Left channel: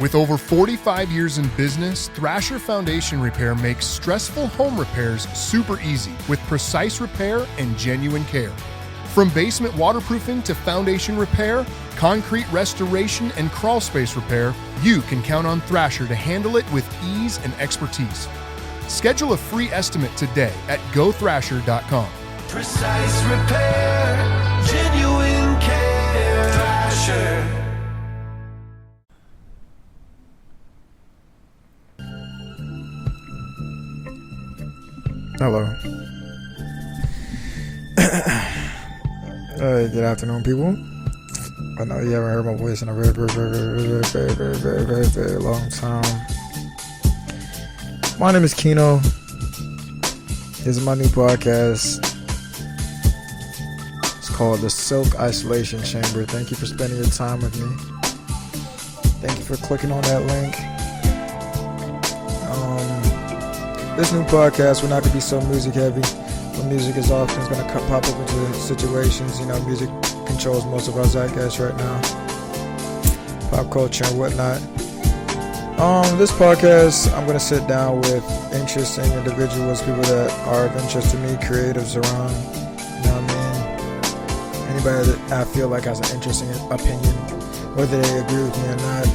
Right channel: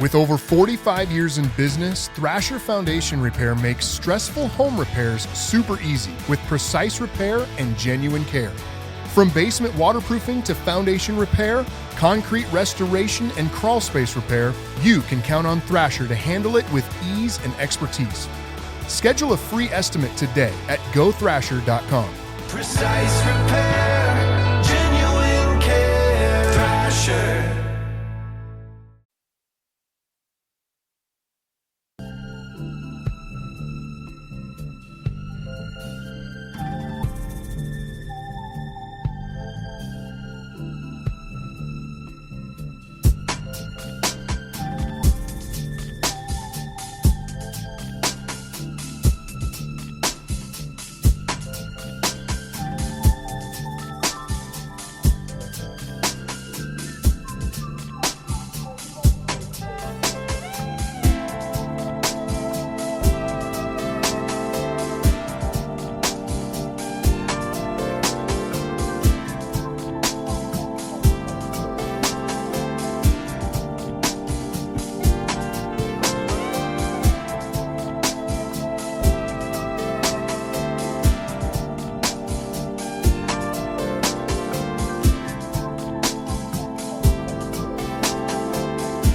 With over 45 years in business, Thrasher Foundation Repair makes stressful home repairs super easy with precise repair and genuine care. From basement waterproofing to foundation repair, concrete restoration, and crawl space repair, you can count on Thrasher to handle it with ease and expertise. Schedule a free estimate today at gothrasher.com. Precise repair, genuine care, Thrasher. Hello. Good afternoon, people. I know you haven't heard my voice in a very long time. My name is Keino. This is my new podcast. It's called The Silk Isolation Chamber. Thank you for spending your time with me. Thank you for clicking on that link. This new podcast will not be so music heavy. The music is often going to pop up into situations. Music controls most of our zeitgeist right now. Pop culture and whatnot. This podcast, I'm going to sit down with interesting individuals, people that are of interest to me, creatives around. You know what I mean? Anybody that I feel like has an interesting opinion, whether they agree with me or not.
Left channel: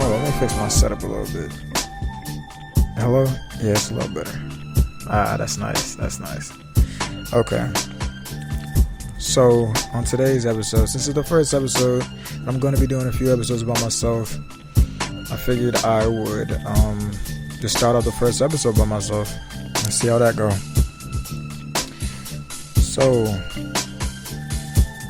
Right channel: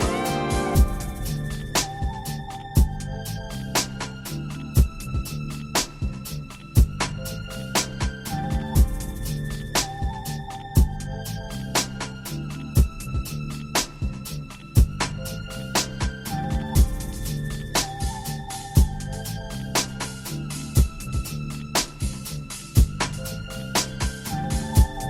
Hold on, let me fix my setup a little bit. Hello? Yeah, it's a little better. That's nice. That's nice. Okay. So, on today's episode, since it's the first episode, I'm going to be doing a few episodes by myself. I figured I would just start off the first episode by myself and see how that goes. So,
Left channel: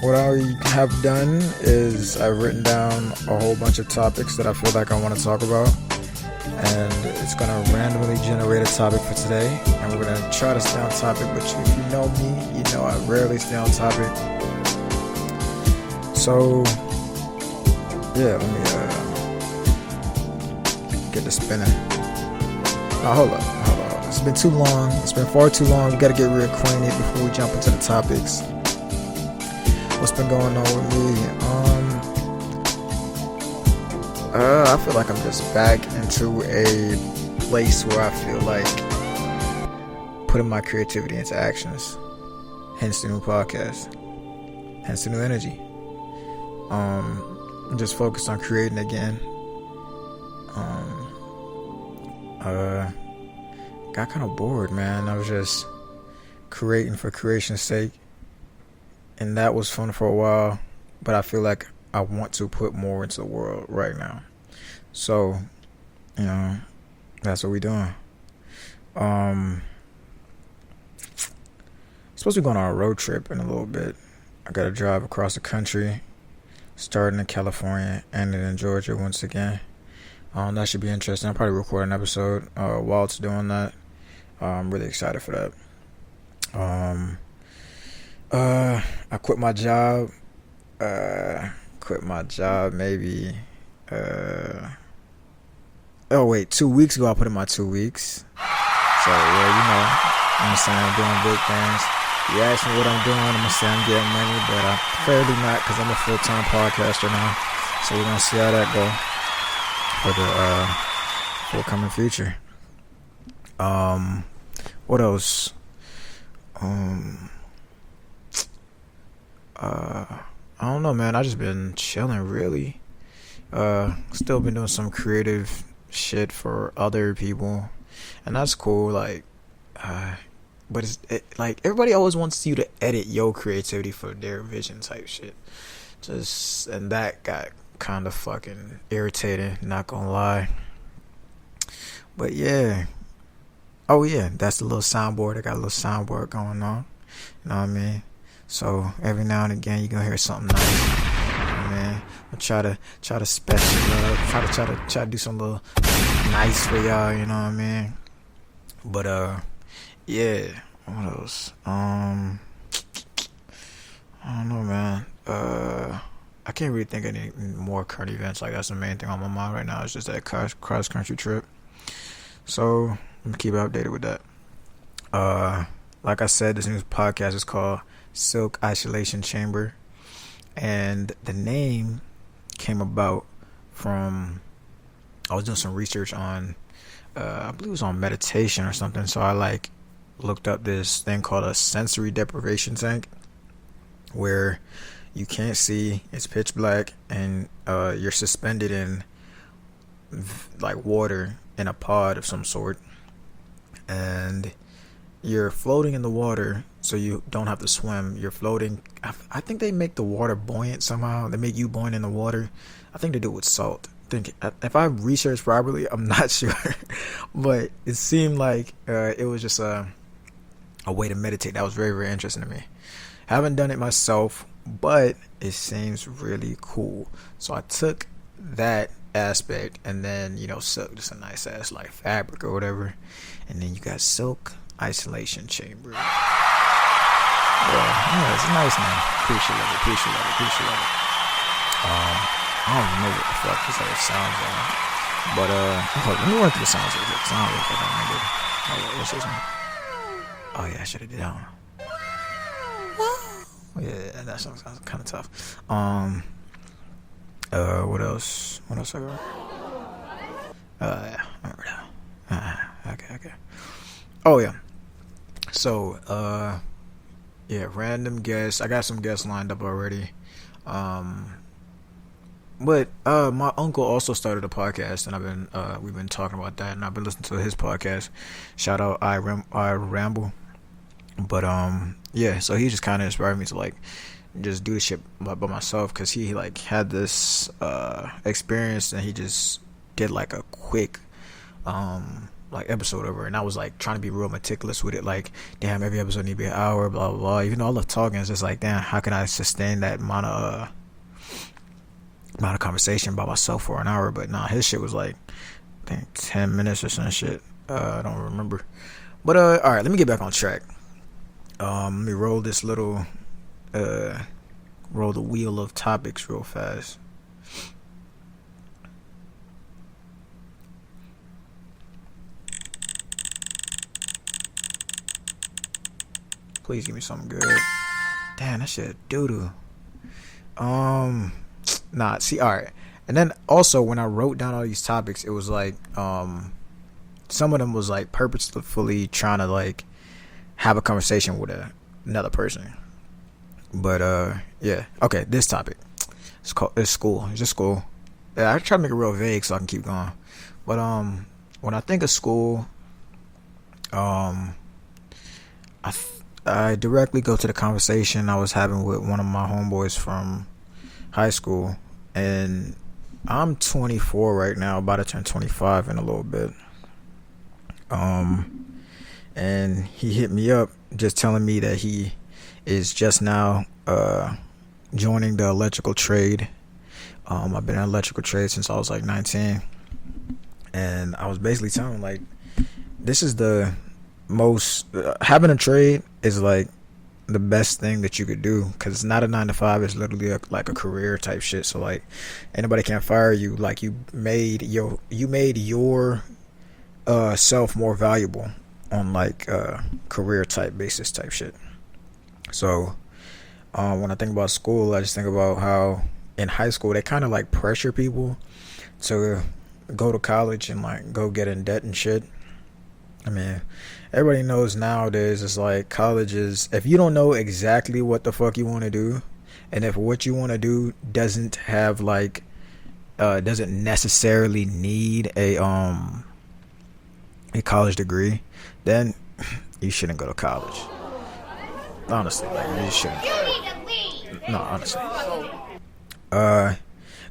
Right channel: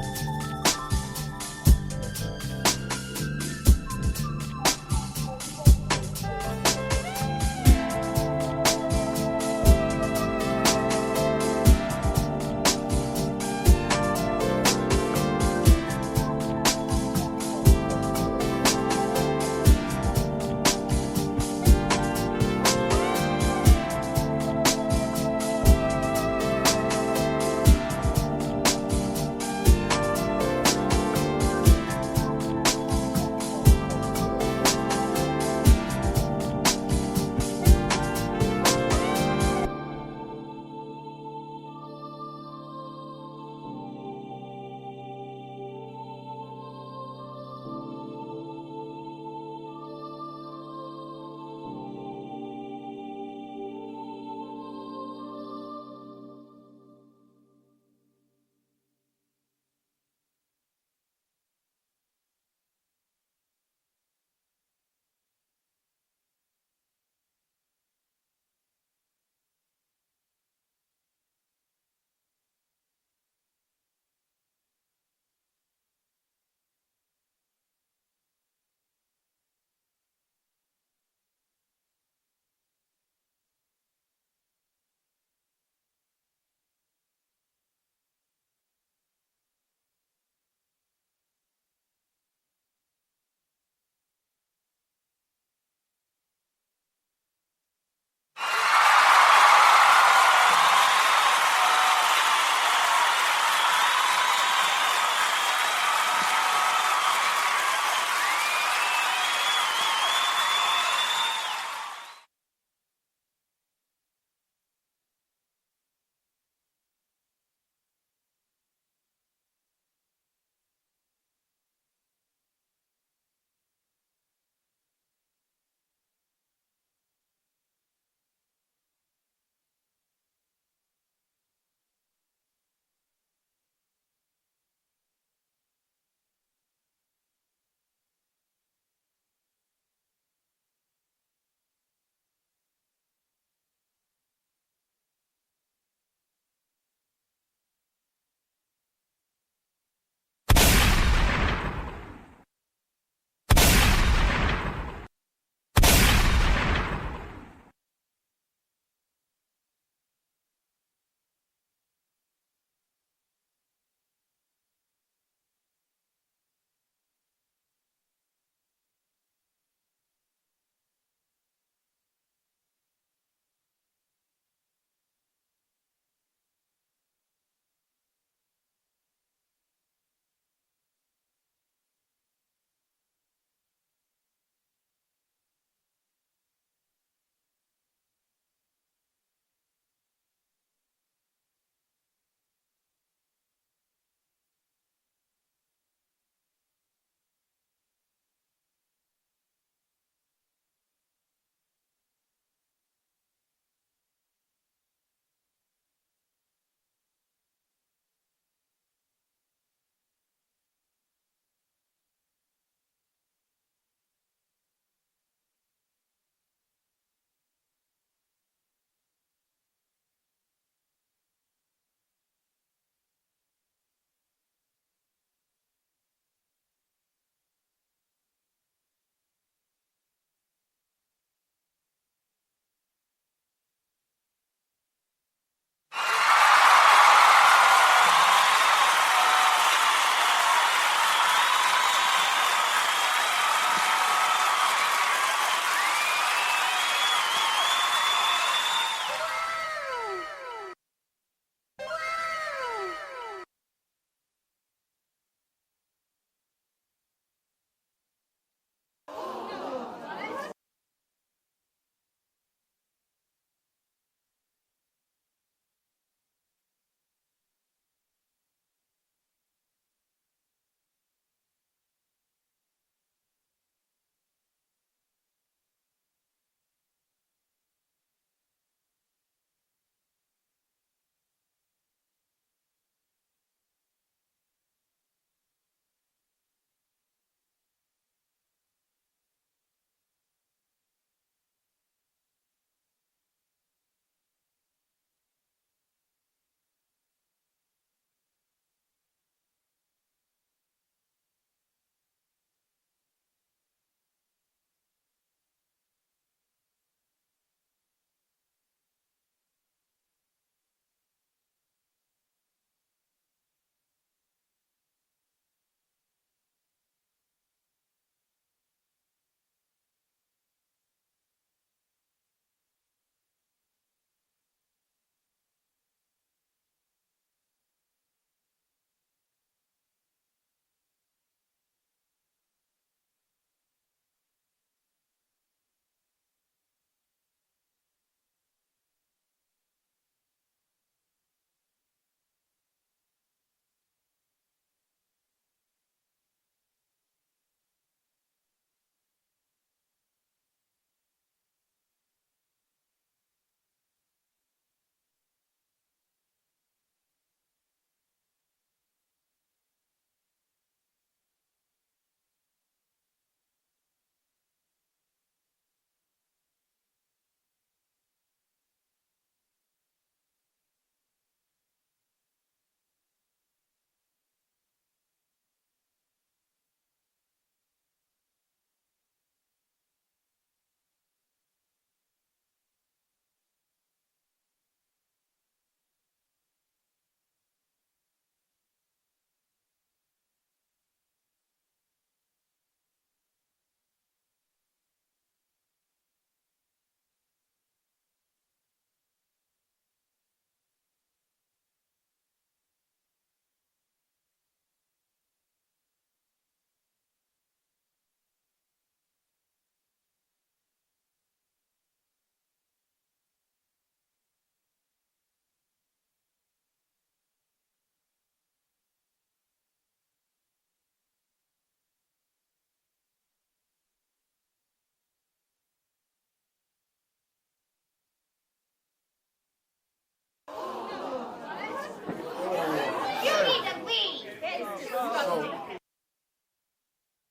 what I have done is I've written down a whole bunch of topics that I feel like I want to talk about. And it's going to randomly generate a topic for today. And we're going to try to stay on topic, but you know me, you know I rarely stay on topic. So, yeah, let me get this spinning. Now, hold up. It's been too long. It's been far too long. We got to get real acquainted before we jump into the topics. What's been going on with me? I feel like I'm just back into a place where I feel like putting my creativity into actions. Hence the new podcast. Hence the new energy. I'm just focused on creating again. Got kind of bored, man. I was just creating for creation's sake. And that was fun for a while. But I feel like I want to put more into the world right now. So, that's what we're doing. Supposed to be going on a road trip in a little bit. I got to drive across the country, starting in California, ending in Georgia once again. That should be interesting. I'll probably record an episode while it's doing that. I'm really excited for that. I quit my job. Maybe 2 weeks ago I put in my 2 weeks. So yeah, I'm saying I'm doing big things. You ask me what I'm doing, I'm gonna say I'm getting money, but I'm clearly not, because I'm a full-time podcaster now. So we're gonna see how that go for the coming future. What else? I don't know, man. I just been chilling, really. Still been doing some creative shit for other people, and that's cool. But it's like everybody always wants you to edit your creativity for their vision type shit. And that got kind of fucking irritating. Not gonna lie. But yeah. Oh yeah, that's the little soundboard. I got a little soundboard going on. You know what I mean? So every now and again you're gonna hear something nice. Man, I try to spec, try to do some little nice for y'all, you know what I mean? But yeah, what else? I don't know, man. I can't really think of any more current events. Like, that's the main thing on my mind right now. It's just that cross country trip. So I'm gonna keep updated with that. Like I said, this new podcast is called Silk Isolation Chamber, and the name came about from, I was doing some research on, I believe it was on meditation or something. So I like looked up this thing called a sensory deprivation tank, where you can't see, it's pitch black, and you're suspended in like water in a pod of some sort, and you're floating in the water, so you don't have to swim. You're floating. I think they make the water buoyant somehow. They make you buoyant in the water. I think they do it with salt. If I researched properly, I'm not sure, but it seemed like it was just a way to meditate. That was very, very interesting to me. Haven't done it myself, but it seems really cool. So I took that aspect, and then, you know, silk, just a nice ass like fabric or whatever, and then you got silk isolation chamber. Yeah, it's a nice name. Appreciate it. I don't even know what the fuck this other sounds are, but let me run through the sounds real quick, 'cause I don't really fucking remember. What's this one? Oh yeah, I should have did that one. Yeah, that sounds kind of tough. What else? I got? Yeah, I remember that. Okay. Oh yeah. So, yeah, random guests. I got some guests lined up already. But my uncle also started a podcast, and we've been talking about that, and I've been listening to his podcast. Shout out I Ramble. But yeah, so he just kind of inspired me to like just do shit by myself, because he like had this experience, and he just did like a quick like episode over, and I was like trying to be real meticulous with it, like, damn, every episode need to be an hour, blah blah blah. Even though I love talking, it's just like, damn, how can I sustain that amount of conversation by myself for an hour? But nah, his shit was like, I think 10 minutes or some shit. I don't remember. But all right, let me get back on track. Let me roll this little roll the wheel of topics real fast. Please give me something good. Damn, that shit doo-doo. Nah, see, alright. And then also, when I wrote down all these topics, it was like, some of them was like purposefully trying to like have a conversation with another person. But yeah. Okay, this topic. It's school. It's just school. Yeah, I try to make it real vague so I can keep going. But when I think of school, I directly go to the conversation I was having with one of my homeboys from high school, and I'm 24 right now, about to turn 25 in a little bit. And he hit me up just telling me that he is just now joining the electrical trade. I've been in electrical trade since I was like 19, and I was basically telling him like, this is the most having a trade is like the best thing that you could do, because it's not a 9 to 5. It's literally like a career type shit. So like, anybody can't fire you. Like, you made your self more valuable on like career type basis type shit. So when I think about school, I just think about how in high school they kind of like pressure people to go to college and like go get in debt and shit. I mean, everybody knows nowadays it's like college is, if you don't know exactly what the fuck you want to do, and if what you want to do doesn't have like doesn't necessarily need a college degree, then you shouldn't go to college. Honestly, you shouldn't. You need to leave. No, honestly.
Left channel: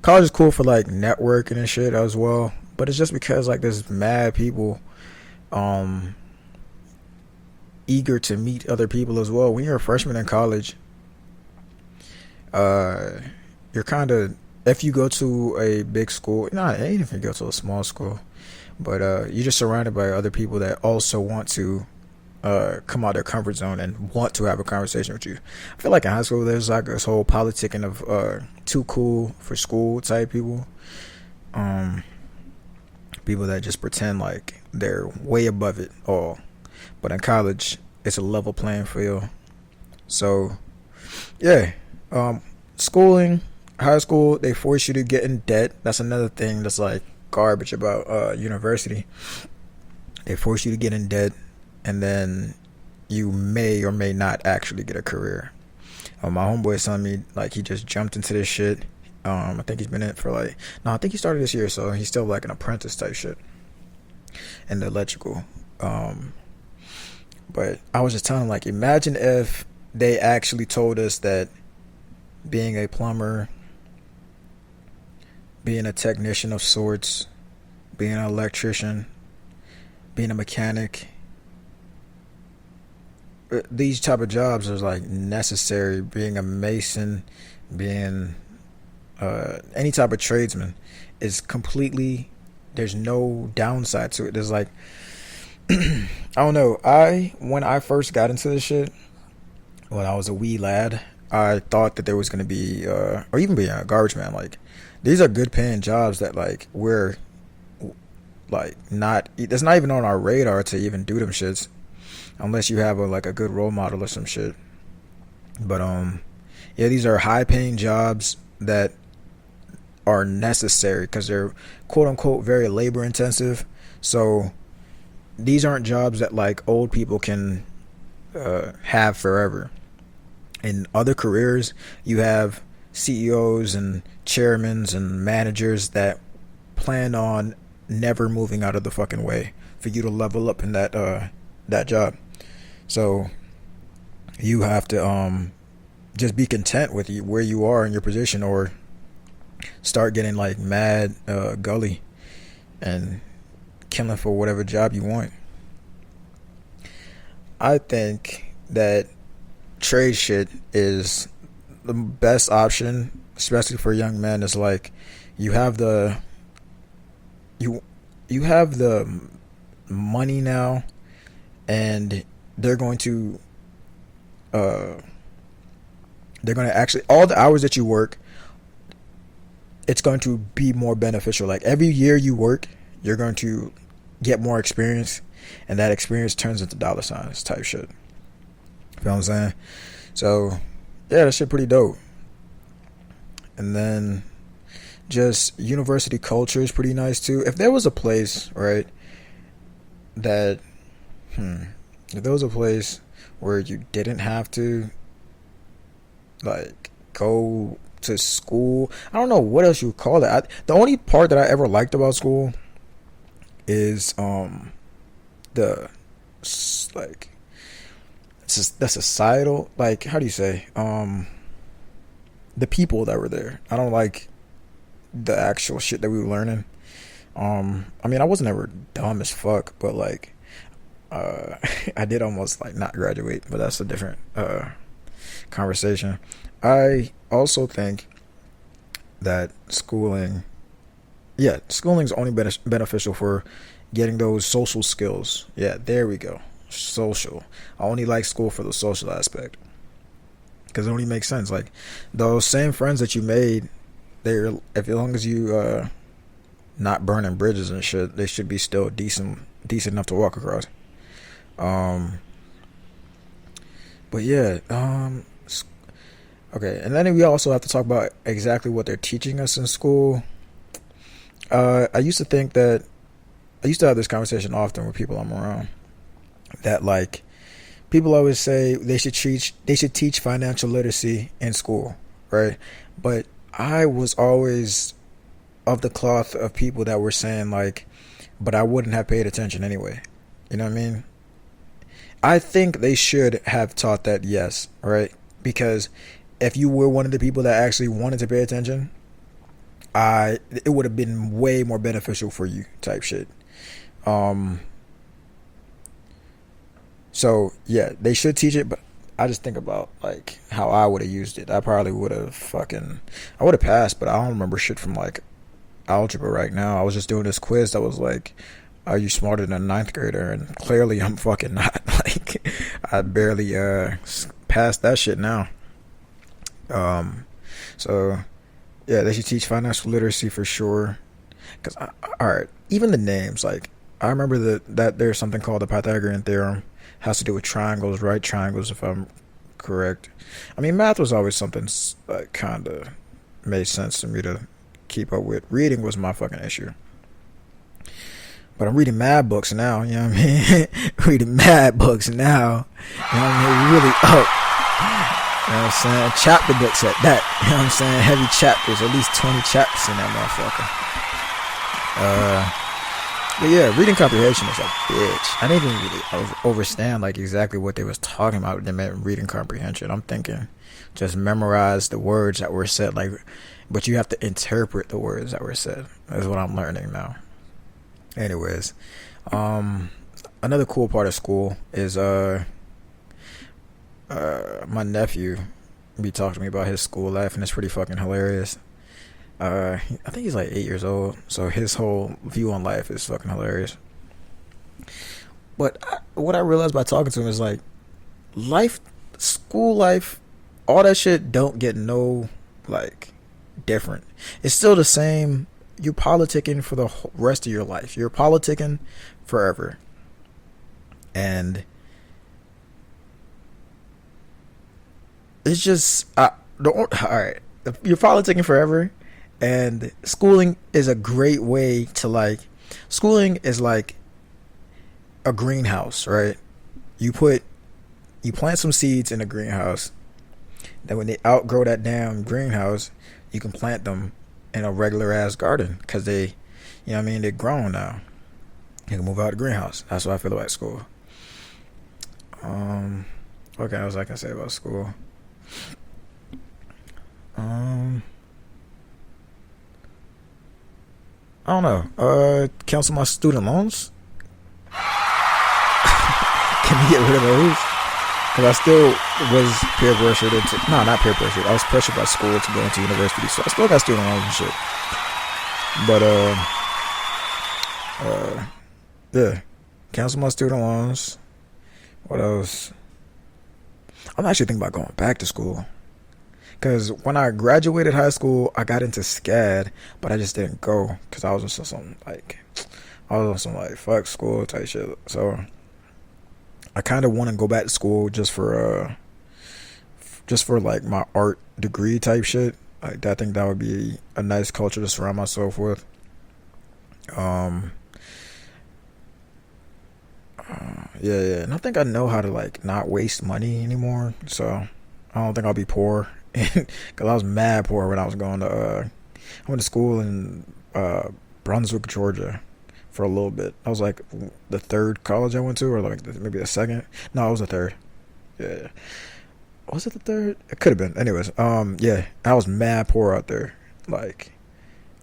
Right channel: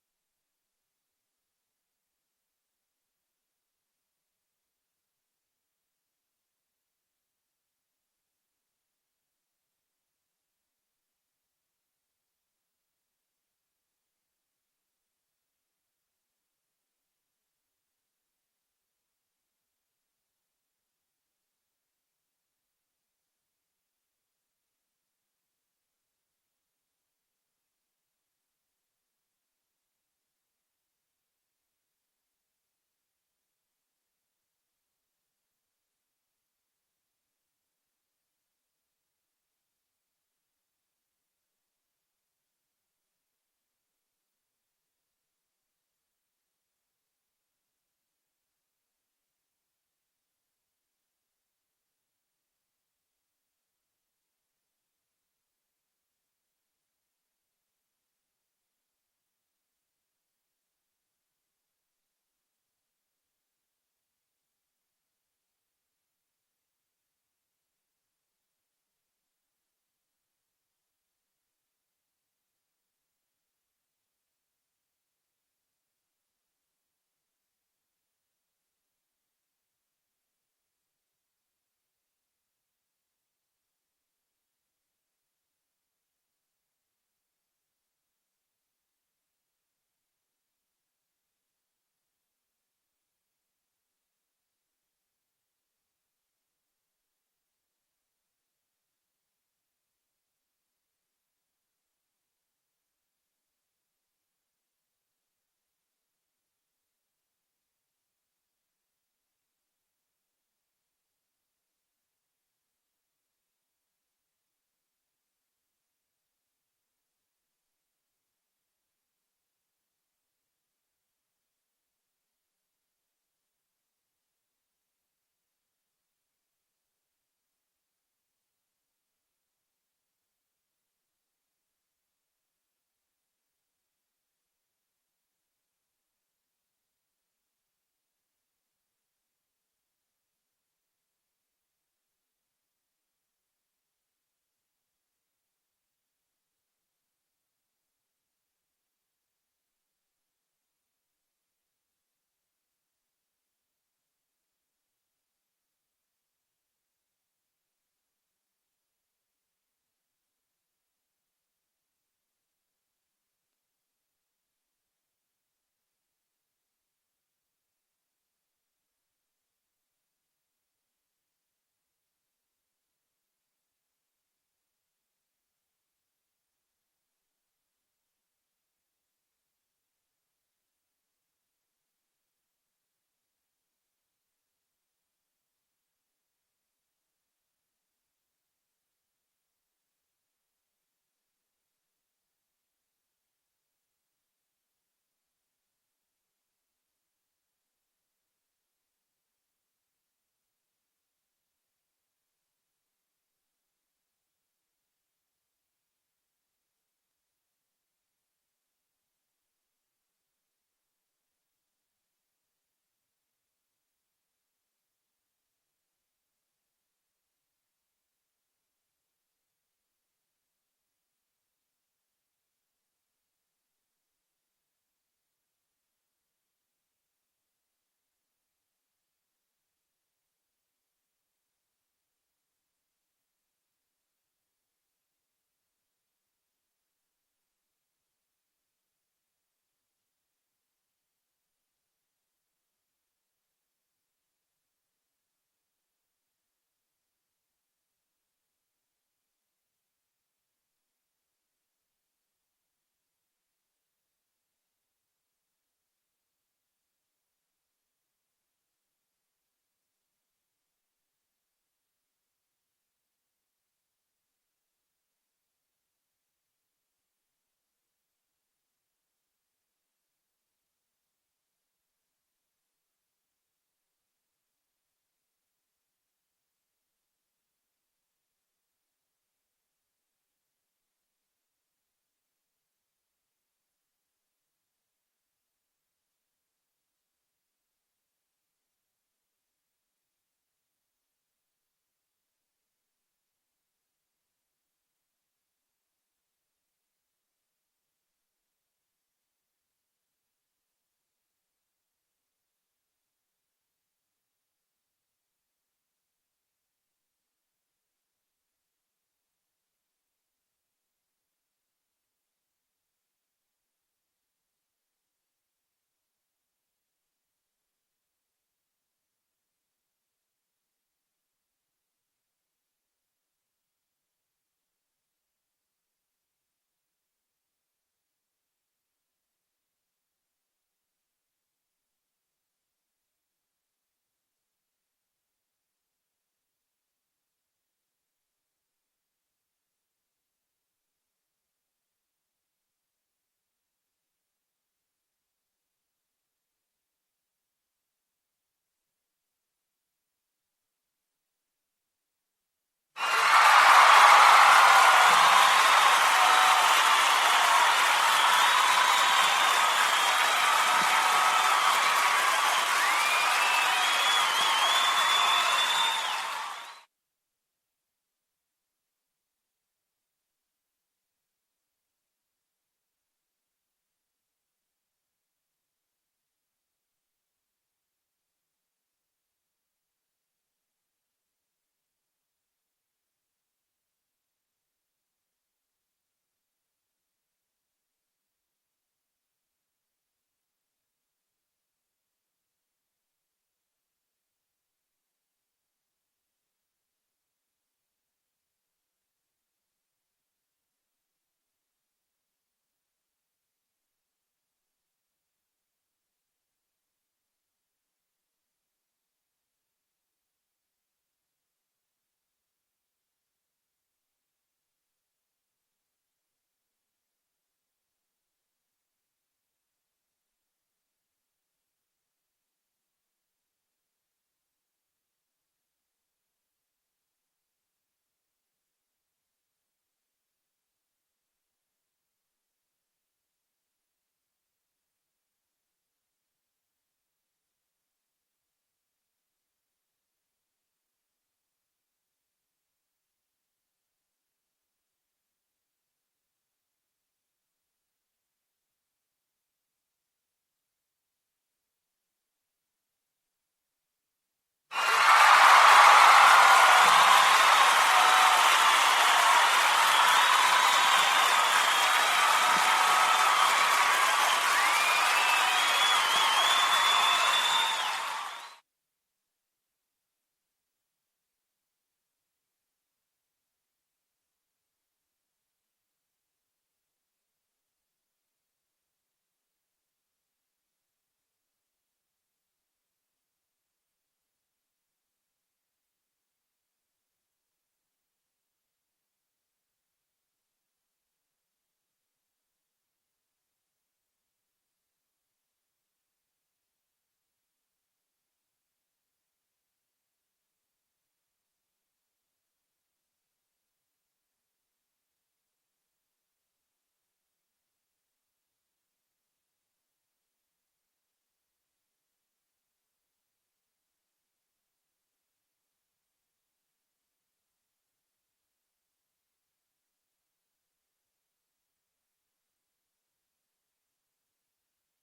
College is cool for like networking and shit as well, but it's just because like there's mad people eager to meet other people as well. When you're a freshman in college, you're kind of, if you go to a big school, not even if you go to a small school, but you're just surrounded by other people that also want to come out of their comfort zone and want to have a conversation with you. I feel like in high school there's like this whole politicking of too cool for school type people. People that just pretend like they're way above it all. But in college, it's a level playing field. So, yeah. Schooling, high school, they force you to get in debt. That's another thing that's like garbage about university. They force you to get in debt, and then you may or may not actually get a career. My homeboy is telling me like he just jumped into this shit. I think he's been in it for like, no, I think he started this year, so he's still like an apprentice type shit in the electrical. But I was just telling him, like, imagine if they actually told us that being a plumber, being a technician of sorts, being an electrician, being a mechanic, these type of jobs are like necessary. Being a mason, being any type of tradesman is completely, there's no downside to it. There's like I don't know, when I first got into this shit, when I was a wee lad, I thought that there was going to be or even being a garbage man, like these are good paying jobs that like we're like not, it's not even on our radar to even do them shits unless you have a good role model or some shit. But yeah, these are high paying jobs that are necessary because they're quote unquote very labor intensive. So these aren't jobs that like old people can have forever. In other careers, you have CEOs and chairmen and managers that plan on never moving out of the fucking way for you to level up in that job. So you have to just be content with where you are in your position, or start getting like mad gully and killing for whatever job you want. I think that trade shit is the best option, especially for young men. Is like you have the money now, and they're going to actually, all the hours that you work, it's going to be more beneficial. Like every year you work, you're going to get more experience, and that experience turns into dollar signs type shit. You know what I'm saying? So yeah, that shit pretty dope. And then just university culture is pretty nice too. If there was a place, right, that if there was a place where you didn't have to like go to school, I don't know what else you would call it. The only part that I ever liked about school is the like the societal, like, how do you say, the people that were there. I don't like the actual shit that we were learning. I mean, I wasn't ever dumb as fuck, but like I did almost like not graduate, but that's a different conversation. I also think that schooling is only beneficial for getting those social skills. Yeah, there we go. Social. I only like school for the social aspect, because it only makes sense. Like those same friends that you made, they're, if as long as you not burning bridges and shit, they should be still decent enough to walk across. But yeah, okay, and then we also have to talk about exactly what they're teaching us in school. I used to have this conversation often with people I'm around, that like people always say they should teach financial literacy in school, right? But I was always of the cloth of people that were saying like, but I wouldn't have paid attention anyway. You know what I mean? I think they should have taught that, yes, right? Because if you were one of the people that actually wanted to pay attention, it would have been way more beneficial for you type shit. So yeah, they should teach it, but I just think about like how I would have used it. I probably would have I would have passed, but I don't remember shit from like algebra right now. I was just doing this quiz that was like, are you smarter than a ninth grader? And clearly I'm fucking not. Like I barely passed that shit now. So yeah, they should teach financial literacy for sure. Cause alright, even the names, like I remember that there's something called the Pythagorean theorem. It has to do with triangles, right triangles, if I'm correct. I mean, math was always something kind of made sense to me to keep up with. Reading was my fucking issue. But I'm reading mad books now, you know what I mean? Reading mad books now. You know what I mean? Really up. You know what I'm saying? Chapter books at that. You know what I'm saying? Heavy chapters. At least 20 chapters in that motherfucker. But yeah, reading comprehension is a bitch. I didn't even really understand like exactly what they was talking about when they meant reading comprehension. I'm thinking just memorize the words that were said, like, but you have to interpret the words that were said. That's what I'm learning now. Anyways, another cool part of school is my nephew be talking to me about his school life, and it's pretty fucking hilarious. I think he's like 8 years old, so his whole view on life is fucking hilarious. But what I realized by talking to him is like, life, school life, all that shit don't get no like different. It's still the same. You're politicking for the rest of your life. You're politicking forever. And it's just, alright, you're politicking forever, and schooling is a great way to like, schooling is like a greenhouse, right? You plant some seeds in a greenhouse, then when they outgrow that damn greenhouse, you can plant them in a regular ass garden, because they, you know what I mean, they're grown now. You can move out of the greenhouse. That's what I feel about school. What else I can say about school? I don't know. Cancel my student loans. Can you get rid of those? Because I still was peer pressured into, no, not peer pressured. I was pressured by school to go into university, so I still got student loans and shit. But yeah, cancel my student loans. What else? I'm actually thinking about going back to school. Because when I graduated high school, I got into SCAD, but I just didn't go because I was on some like fuck school type shit. So I kind of want to go back to school just for like my art degree type shit. Like, I think that would be a nice culture to surround myself with. Yeah, and I think I know how to like not waste money anymore. So I don't think I'll be poor. Because I was mad poor when I was going to I went to school in Brunswick, Georgia for a little bit. I was like the third college I went to, or like maybe the second. No, it was the third. Yeah, was it the third? It could have been. Anyways, yeah, I was mad poor out there. Like,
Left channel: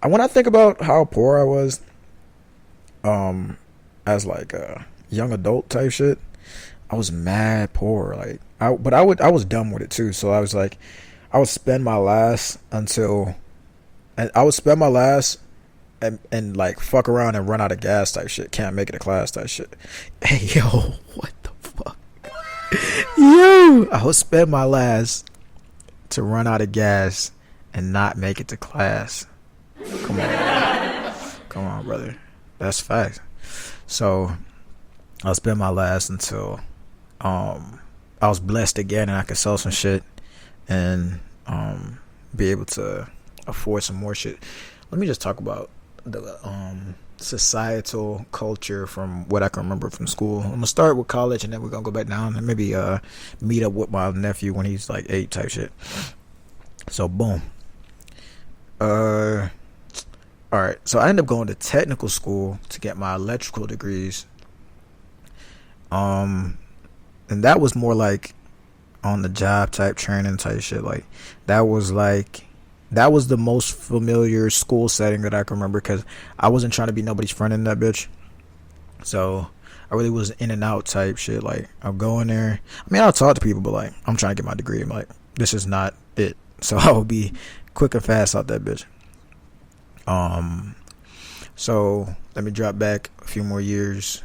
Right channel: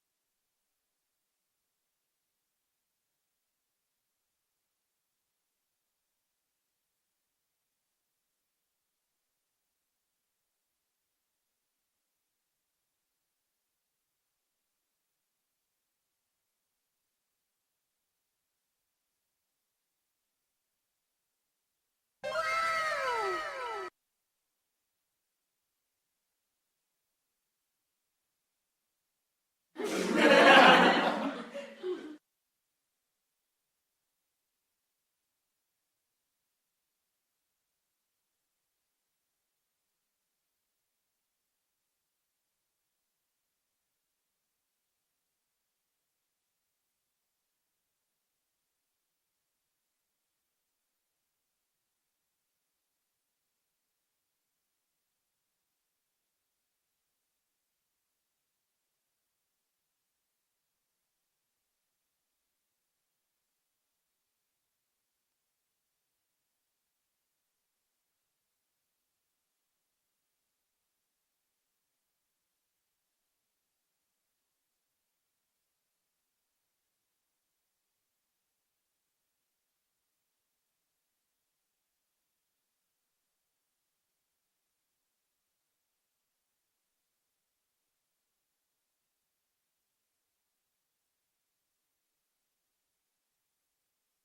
when I think about how poor I was as like a young adult type shit, I was mad poor. Like, I was dumb with it too. So I was like, I would spend my last and like fuck around and run out of gas type shit. Can't make it to class type shit. Hey, yo, what the fuck? Yo, I would spend my last to run out of gas and not make it to class. Come on, brother. That's facts. So I'll spend my last until I was blessed again and I could sell some shit and be able to afford some more shit. Let me just talk about the societal culture from what I can remember from school. I'm gonna start with college and then we're gonna go back down and maybe meet up with my nephew when he's like 8 type shit. So boom. Alright, so I ended up going to technical school to get my electrical degrees. And that was more like on the job type training type shit. Like, that was the most familiar school setting that I can remember, because I wasn't trying to be nobody's friend in that bitch. So I really was in and out type shit. Like, I'll go in there. I mean, I'll talk to people, but like, I'm trying to get my degree. I'm like, this is not it. So I will be quick and fast out that bitch. So let me drop back a few more years.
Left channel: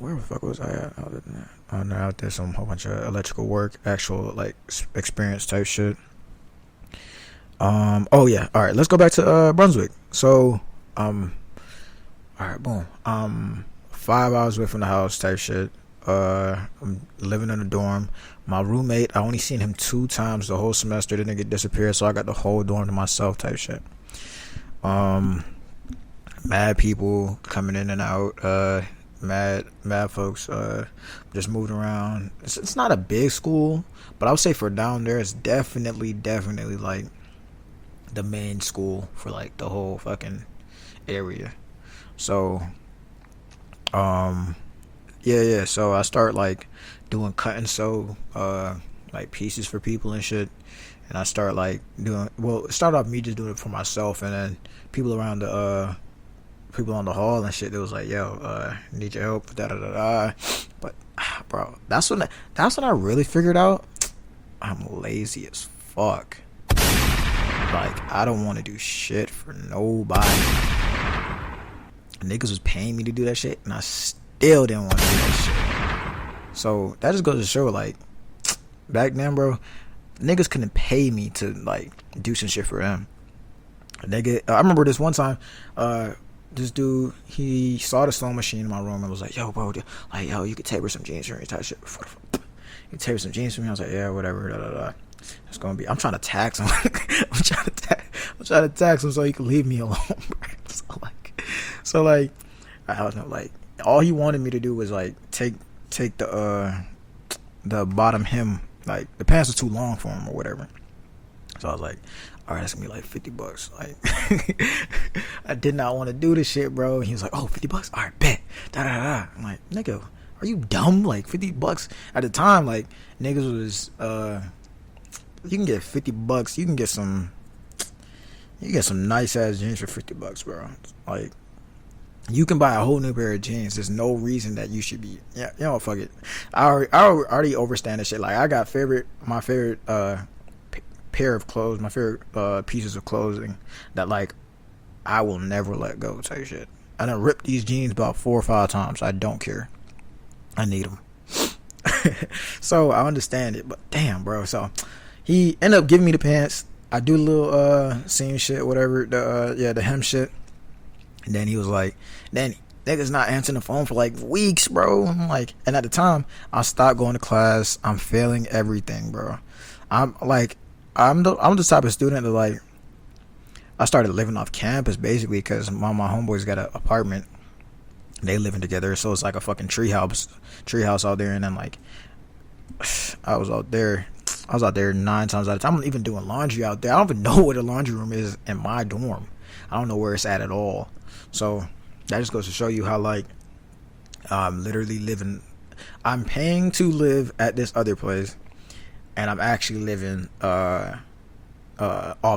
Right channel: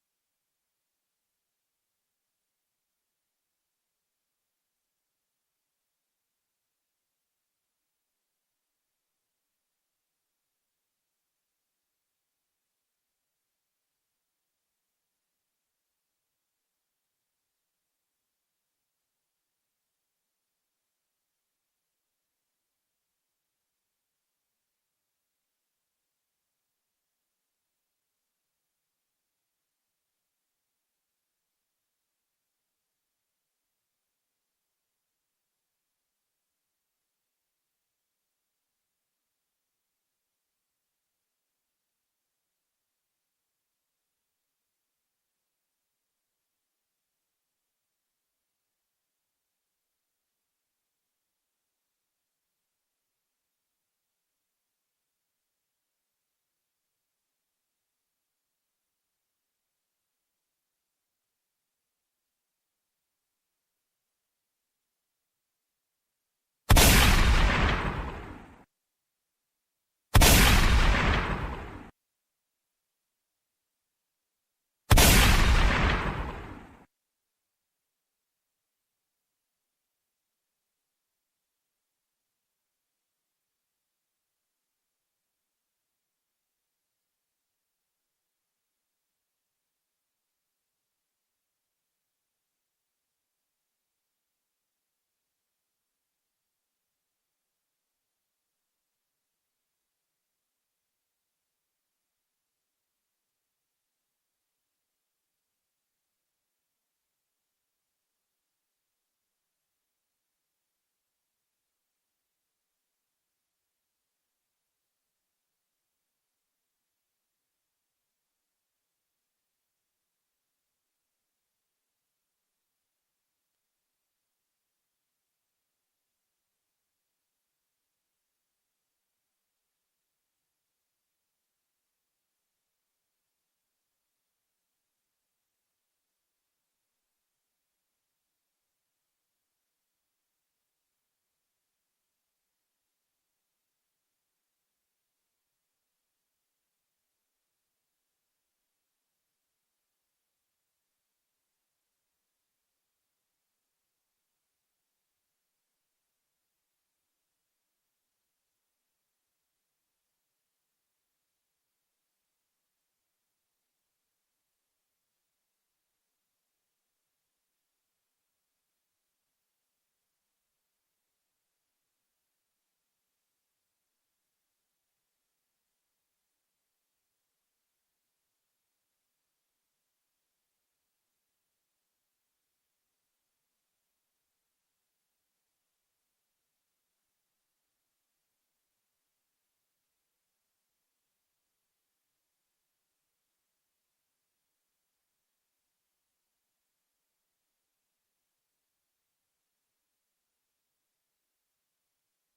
Where the fuck was I at other than that? Oh, no, out there some whole bunch of electrical work, actual like experience type shit. Oh yeah, all right, let's go back to Brunswick. So all right, boom. 5 hours away from the house type shit. I'm living in a dorm. My roommate, I only seen him 2 times the whole semester. The nigga disappeared, so I got the whole dorm to myself type shit. Mad people coming in and out. Mad folks just moving around. It's not a big school, but I would say for down there, it's definitely like the main school for like the whole fucking area. So yeah, so I start like doing cut and sew like pieces for people and shit, and I start like doing, well, it started off me just doing it for myself, and then people around the people on the hall and shit, they was like, yo, need your help, da da da da. But bro, that's when I really figured out I'm lazy as fuck. Like, I don't want to do shit for nobody. Niggas was paying me to do that shit, and I still didn't want to do that shit. So that just goes to show, like, back then, bro, niggas couldn't pay me to like do some shit for them. Nigga, I remember this one time, this dude, he saw the sewing machine in my room and was like, yo, bro, like, yo, you could taper some jeans for me, type shit. You taper some jeans for me? I was like, yeah, whatever, da da da. It's gonna be, I'm trying to tax him. I'm trying to tax him so he can leave me alone, bro. So like, I don't know, like, all he wanted me to do was like take the bottom hem, like the pants were too long for him or whatever. So I was like, all right, that's gonna be like $50. Like, I did not want to do this shit, bro. He was like, oh, $50? All right, bet. Da da da. I'm like, nigga, are you dumb? Like, $50 at the time, like, niggas was you can get $50. You can get some nice ass jeans for $50, bro. Like, you can buy a whole new pair of jeans. There's no reason that you should be, yeah, you know, fuck it. I already overstand this shit. Like, I got my favorite pair of clothes, my favorite pieces of clothing that, like, I will never let go type shit. I done ripped these jeans about 4 or 5 times. I don't care. I need them. So I understand it, but damn, bro. So he ended up giving me the pants. I do a little seam shit, whatever, the hem shit. And then he was like, then niggas not answering the phone for like weeks, bro. I'm like, and at the time, I stopped going to class. I'm failing everything, bro. I'm the type of student that, like, I started living off campus basically because my homeboys got an apartment. They living together, so it's like a fucking treehouse out there. And then, like, I was out there 9 times out of 10. I'm even doing laundry out there. I don't even know where the laundry room is in my dorm. I don't know where it's at all. So that just goes to show you how, like, I'm literally living. I'm paying to live at this other place, and I'm actually living off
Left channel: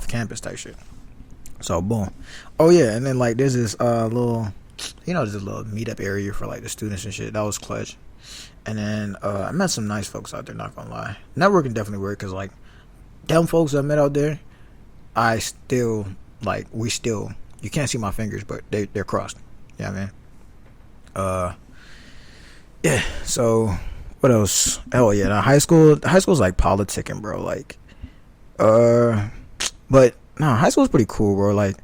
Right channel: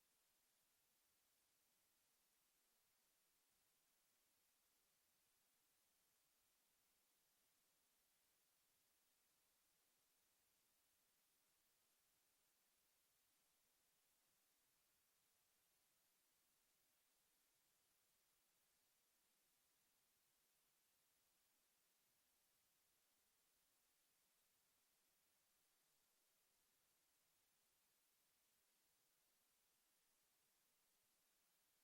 campus type shit. So boom. Oh yeah, and then, like, there's this little, you know, there's a little meetup area for, like, the students and shit. That was clutch. And then I met some nice folks out there, not gonna lie. Networking definitely worked, because, like, them folks I met out there, I still, like, you can't see my fingers, but they're crossed. Yeah, man. Yeah, so what else? Oh yeah, high school's like politicking, bro. Like, but no, high school's pretty cool, bro. Like,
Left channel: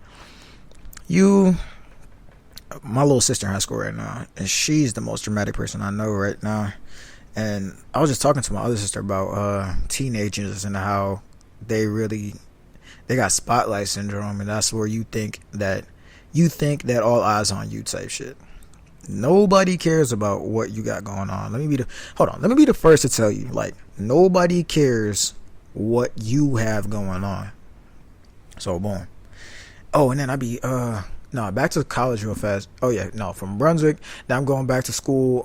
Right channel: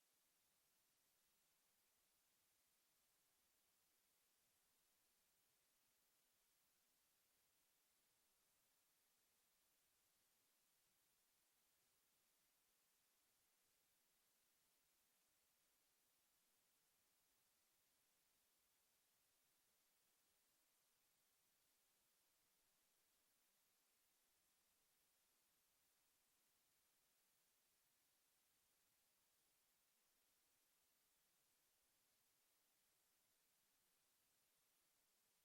my little sister in high school right now, and she's the most dramatic person I know right now. And I was just talking to my other sister about teenagers and how they got spotlight syndrome, and that's where you think that all eyes on you type shit. Nobody cares about what you got going on. Let me be the first to tell you, like, nobody cares what you have going on. So boom. Oh, and then back to college real fast. Oh yeah, no, from Brunswick. Now I'm going back to school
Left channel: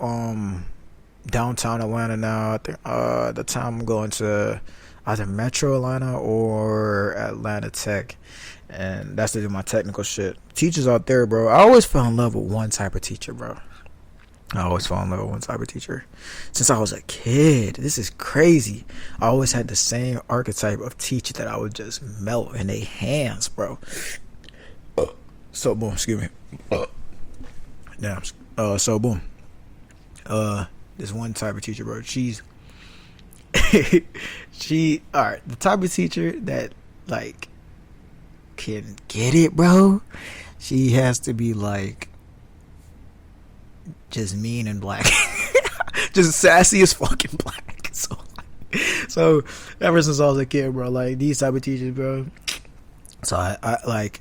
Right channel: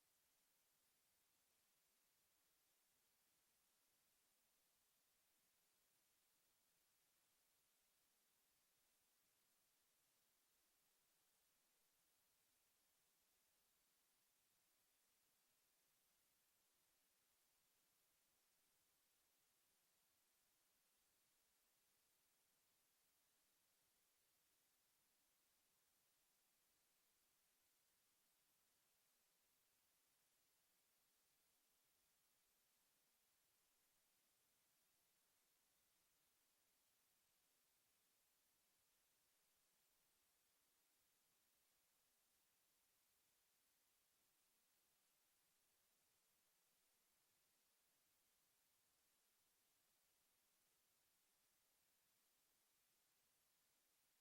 downtown Atlanta now. I think the time I'm going to either Metro Atlanta or Atlanta Tech, and that's to do my technical shit. Teachers out there, bro, I always fell in love with one type of teacher, bro. Since I was a kid. This is crazy. I always had the same archetype of teacher that I would just melt in their hands, bro. So boom, excuse me. Damn. So boom. This one type of teacher, bro. She's alright. The type of teacher that, like, can get it, bro. She has to be, like, just mean and black. just sassy as fucking black. So ever since I was a kid, bro, like these type of teachers, bro. So I like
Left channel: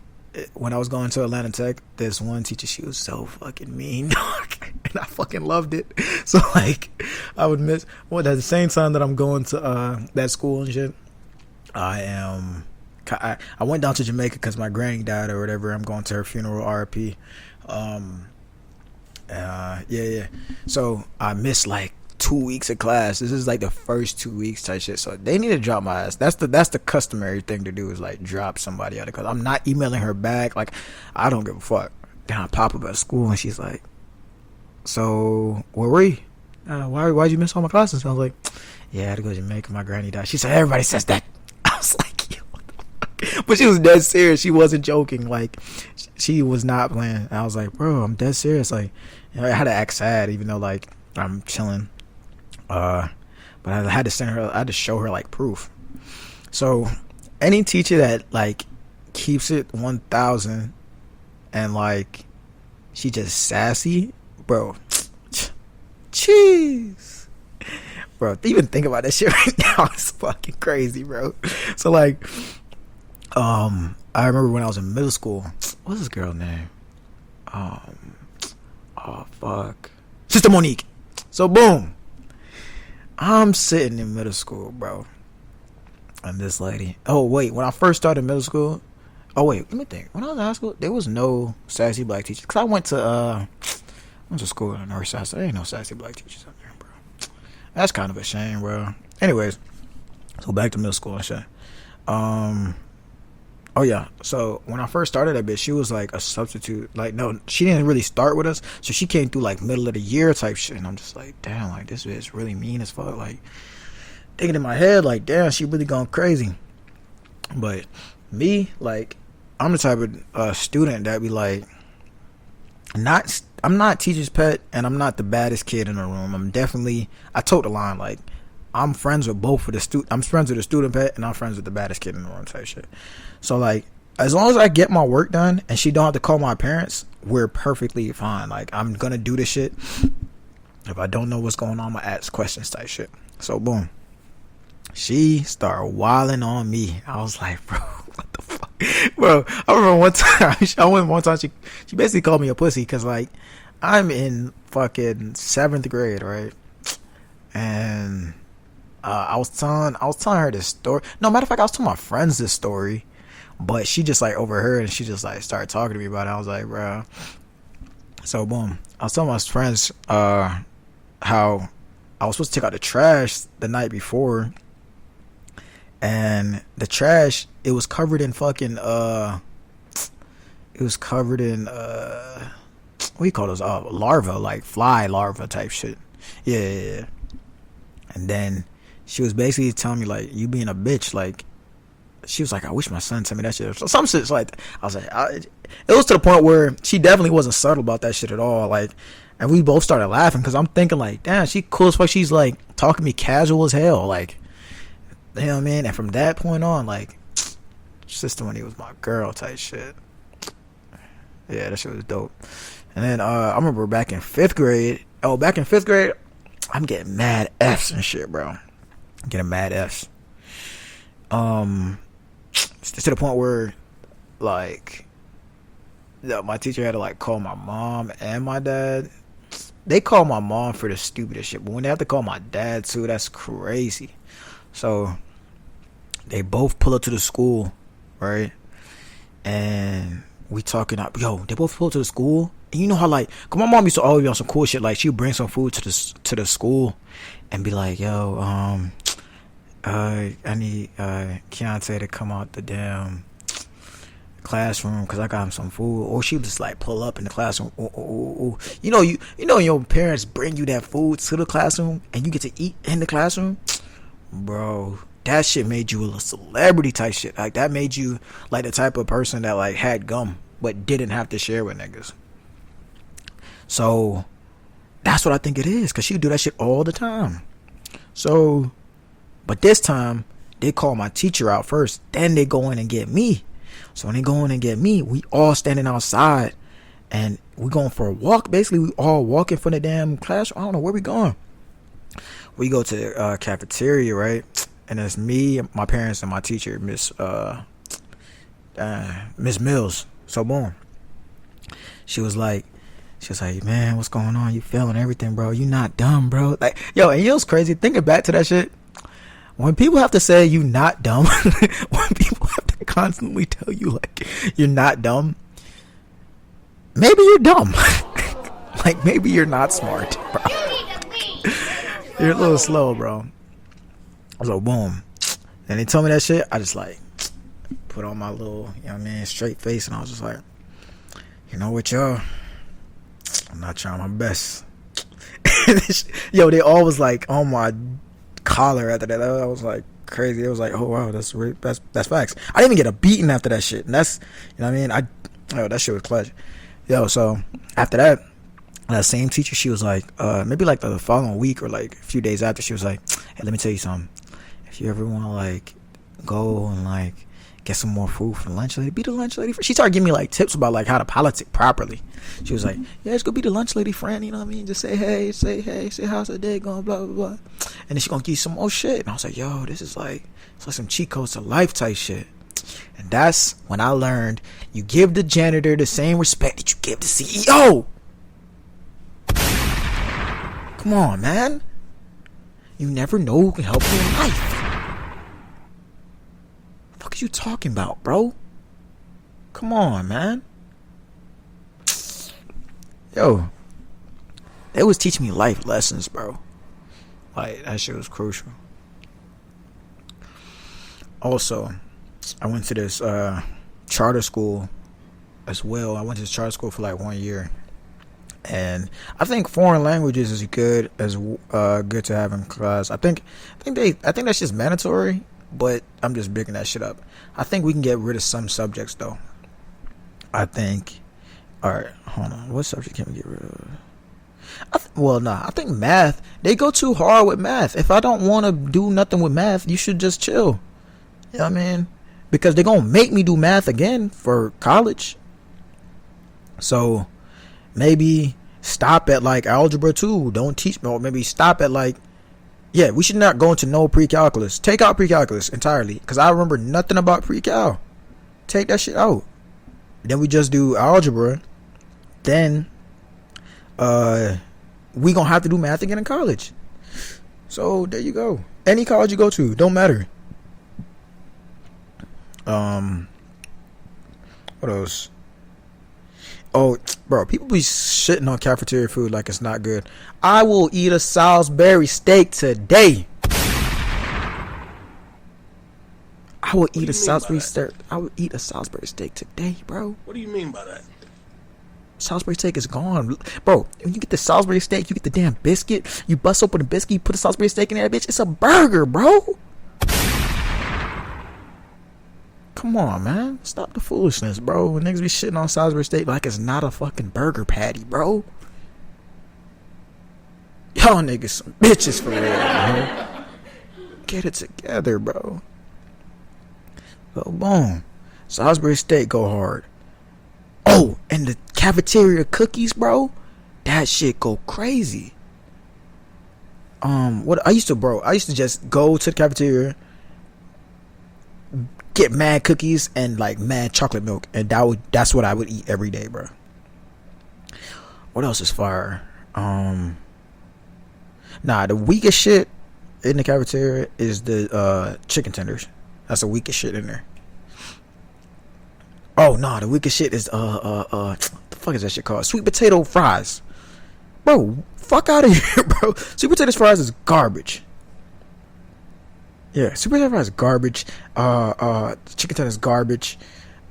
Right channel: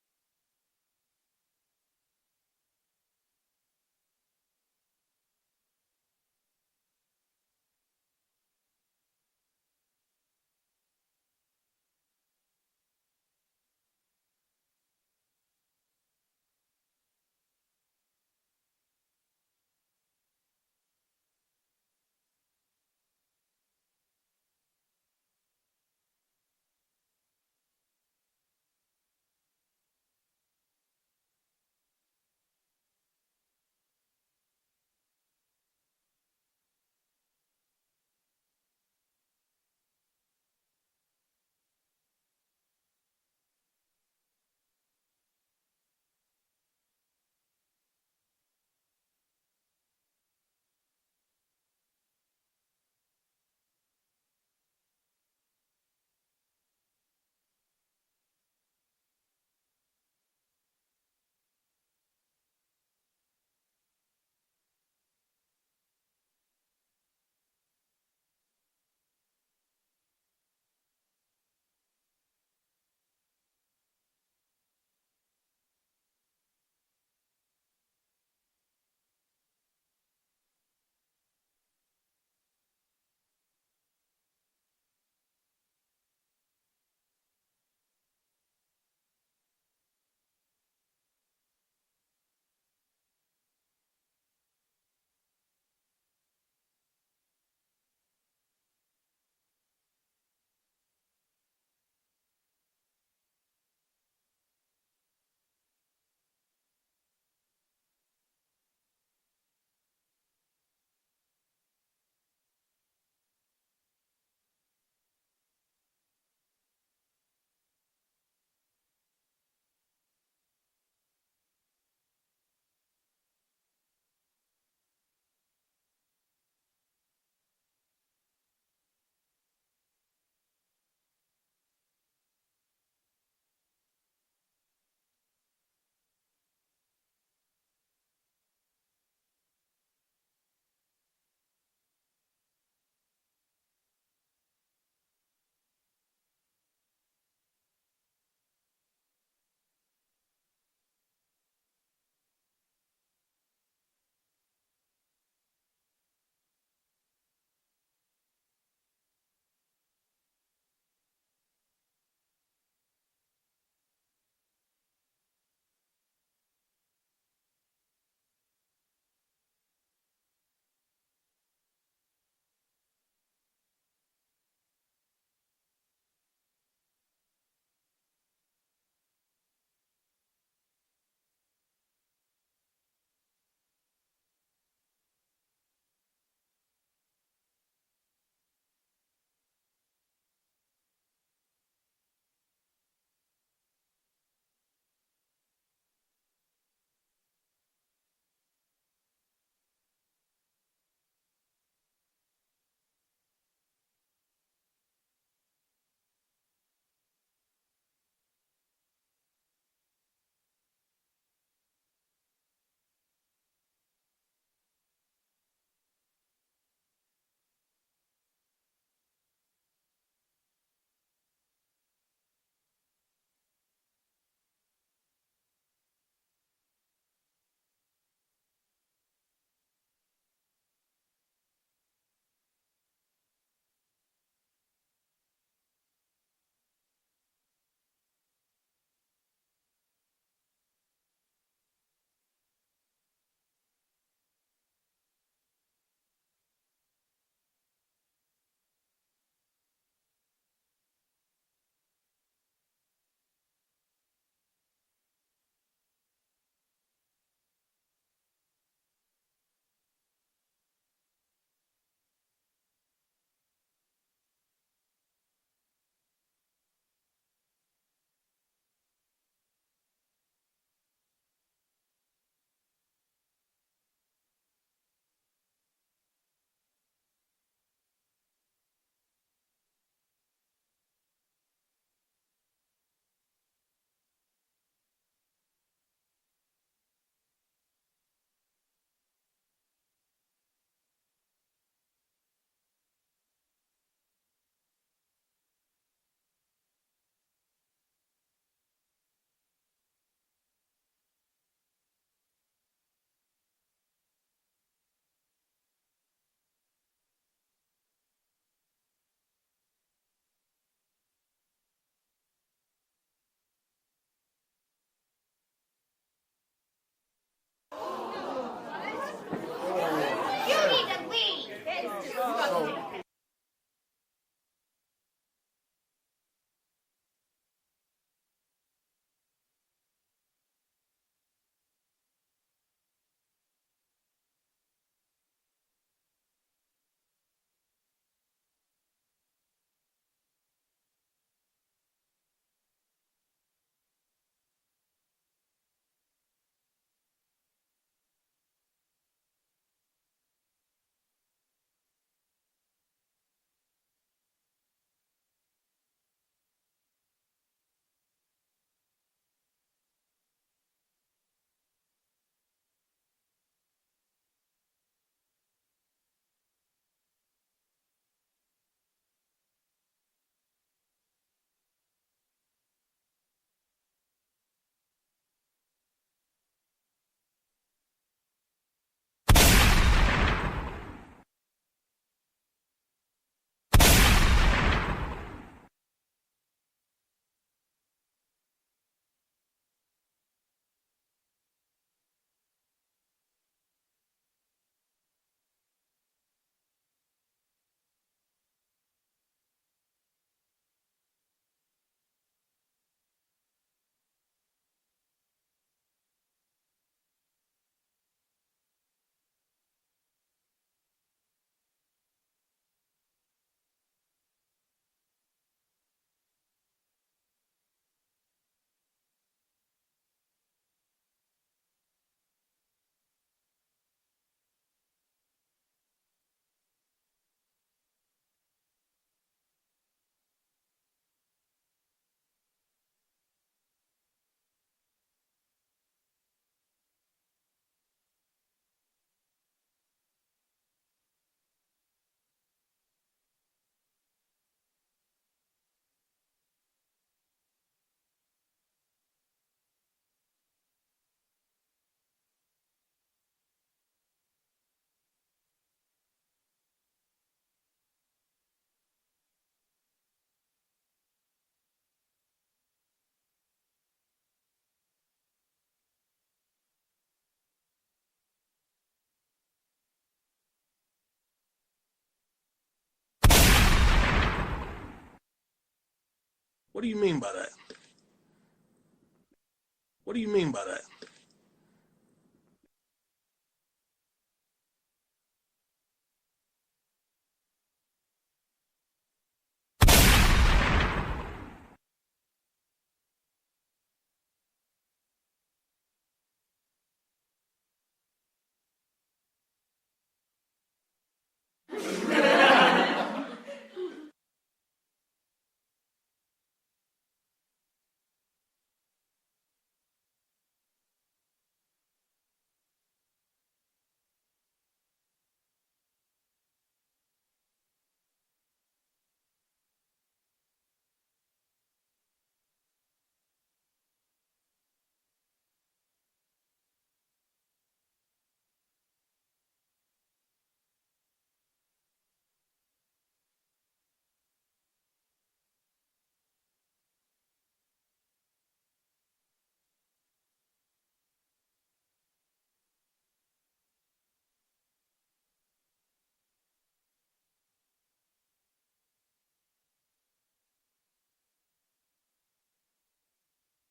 when I was going to Atlanta Tech, this one teacher, she was so fucking mean, and I fucking loved it. So like I would miss at the same time that I'm going to that school and shit. I went down to Jamaica because my granny died or whatever. I'm going to her funeral, RIP. Yeah. So I missed like 2 weeks of class. This is like the first 2 weeks type shit. So they need to drop my ass. That's the customary thing to do is like drop somebody out of class. I'm not emailing her back. Like I don't give a fuck. Then I pop up at school and she's like, "So where were you? Why'd you miss all my classes?" I was like, "Yeah, I had to go to Jamaica. My granny died." She said, "Everybody says that." I was like, "Yo, what the fuck?" But she was dead serious. She wasn't joking. Like she was not playing. I was like, "Bro, I'm dead serious." Like I had to act sad, even though like I'm chilling. But I had to send her. I had to show her like proof. So any teacher that like keeps it 1,000 and like she just sassy, bro. Jeez, bro. Even think about that shit right now. It's fucking crazy, bro. So like, I remember when I was in middle school. What's this girl's name? Oh fuck, Sister Monique. So boom, I'm sitting in middle school, bro, and this lady. Oh wait, when I first started middle school. Oh wait, let me think. When I was in high school, there was no sassy black teachers. Cause I went to school in the north side, so there ain't no sassy black teachers out there, bro. That's kind of a shame, bro. Anyways, so back to middle school and shit. Oh yeah, so when I first started that bitch, she was like a substitute. Like no, she didn't really start with us, so she came through like middle of the year type shit. And I'm just like, damn, like this bitch really mean as fuck. Like thinking in my head, like damn, she really gone crazy. But me, like, I'm the type of student that be like, I'm not teacher's pet, and I'm not the baddest kid in the room. I tote the line. Like, I'm friends with both of the I'm friends with the student pet, and I'm friends with the baddest kid in the room type shit. So like, as long as I get my work done and she don't have to call my parents, we're perfectly fine. Like, I'm gonna do this shit. If I don't know what's going on, I'm gonna ask questions type shit. So boom, she started wilding on me. I was like, bro, what the fuck, bro? I remember one time she basically called me a pussy because like I'm in fucking 7th grade, right? And I was telling her this story. No, matter of fact, I was telling my friends this story, but she just like overheard and she just like started talking to me about it. I was like, bro. So boom, I was telling my friends how I was supposed to take out the trash the night before, and the trash, it was covered in fucking what do you call those, larvae, like fly larvae type shit. Yeah. And then she was basically telling me like, you being a bitch. Like she was like, I wish my son told me that shit. So some shit like, I was like, it was to the point where she definitely wasn't subtle about that shit at all. Like, and we both started laughing because I'm thinking like, damn, she cool as fuck. She's like talking to me casual as hell. Like, you know what I mean? And from that point on, like, Sister Money was my girl type shit. Yeah, that shit was dope. And then I remember back in 5th grade. Oh, back in 5th grade, I'm getting mad F's and shit, bro. I'm getting mad F's. To the point where, like, my teacher had to like call my mom and my dad. They call my mom for the stupidest shit, but when they have to call my dad too, that's crazy. So they both pull up to the school, right? And we talking up. Yo, they both pull up to the school. And you know how like, cause my mom used to always be on some cool shit. Like she'd bring some food to the school, and be like, "Yo, I need Keontae to come out the damn classroom because I got him some food." Or she would just like pull up in the classroom. Ooh. You know your parents bring you that food to the classroom and you get to eat in the classroom, bro. That shit made you a celebrity type shit. Like that made you like the type of person that like had gum but didn't have to share with niggas. So that's what I think it is, because she would do that shit all the time. So, but this time they call my teacher out first, then they go in and get me. So when they go in and get me, we all standing outside and we going for a walk. Basically, we all walking from the damn classroom. I don't know where we going. We go to the cafeteria, right? And it's me, my parents, and my teacher, Miss Mills. So boom, she was like, man, what's going on? You failing everything, bro? You not dumb, bro? Like, yo, and you know what's crazy? Thinking back to that shit, when people have to say you not dumb, when people have to constantly tell you like you're not dumb, maybe you're dumb. Like maybe you're not smart, bro. You're a little slow, bro. So boom, and they told me that shit. I just like put on my little, you know what I mean, straight face, and I was just like, you know what, y'all, I'm not trying my best. Yo, they all was like on my collar after that. I was like crazy. It was like, oh wow, that's facts. I didn't even get a beating after that shit, and that's, you know what I mean. That shit was clutch. Yo, so after that same teacher, she was like, maybe like the following week or like a few days after, she was like, hey, let me tell you something. If you ever want to like go and like get some more food for the lunch lady, be the lunch lady. She started giving me like tips about like how to politic properly. She was like, yeah, just go be the lunch lady friend, you know what I mean? Just say hey, say how's the day going, blah, blah, blah. And then she gonna give you some more shit. And I was like, yo, this is like, it's like some cheat codes to life type shit. And that's when I learned you give the janitor the same respect that you give the CEO. Come on, man. You never know who can help you in life. What the fuck are you talking about, bro? Come on, man. Yo, they was teaching me life lessons, bro. Like, that shit was crucial. Also, I went to this charter school as well. I went to this charter school for like 1 year. And I think foreign languages is good to have in class. I think that's just mandatory, but I'm just bigging that shit up. I think we can get rid of some subjects though. I think. All right, hold on. What subject can we get rid of? I think math. They go too hard with math. If I don't want to do nothing with math, you should just chill. You know what I mean? Because they're gonna make me do math again for college. So maybe stop at like algebra 2. Don't teach me. Or maybe stop at like, yeah, we should not go into no pre-calculus. Take out pre-calculus entirely. Because I remember nothing about pre-cal. Take that shit out. Then we just do algebra. Then we gonna have to do math again in college. So there you go. Any college you go to, don't matter. What else? Oh, bro, people be shitting on cafeteria food like it's not good. I will eat a Salisbury steak today. I will eat a Salisbury steak. I will eat a Salisbury steak today, bro. What do you mean by that? Salisbury steak is gone, bro. When you get the Salisbury steak, you get the damn biscuit. You bust open the biscuit, you put a Salisbury steak in there, bitch. It's a burger, bro. Come on, man. Stop the foolishness, bro. Niggas be shitting on Salisbury steak like it's not a fucking burger patty, bro. Y'all niggas some bitches for real, bro. Get it together, bro. So, boom. Salisbury steak go hard. Oh, and the cafeteria cookies, bro. That shit go crazy. What I used to just go to the cafeteria, get mad cookies and like mad chocolate milk, and that's what I would eat every day, bro. What else is fire? The weakest shit in the cafeteria is the chicken tenders. That's the weakest shit in there. Oh no, the weakest shit is the fuck is that shit called? Sweet potato fries. Bro, fuck out of here, bro. Sweet potato fries is garbage. Yeah, sweet potato fries is garbage. Chicken tender is garbage.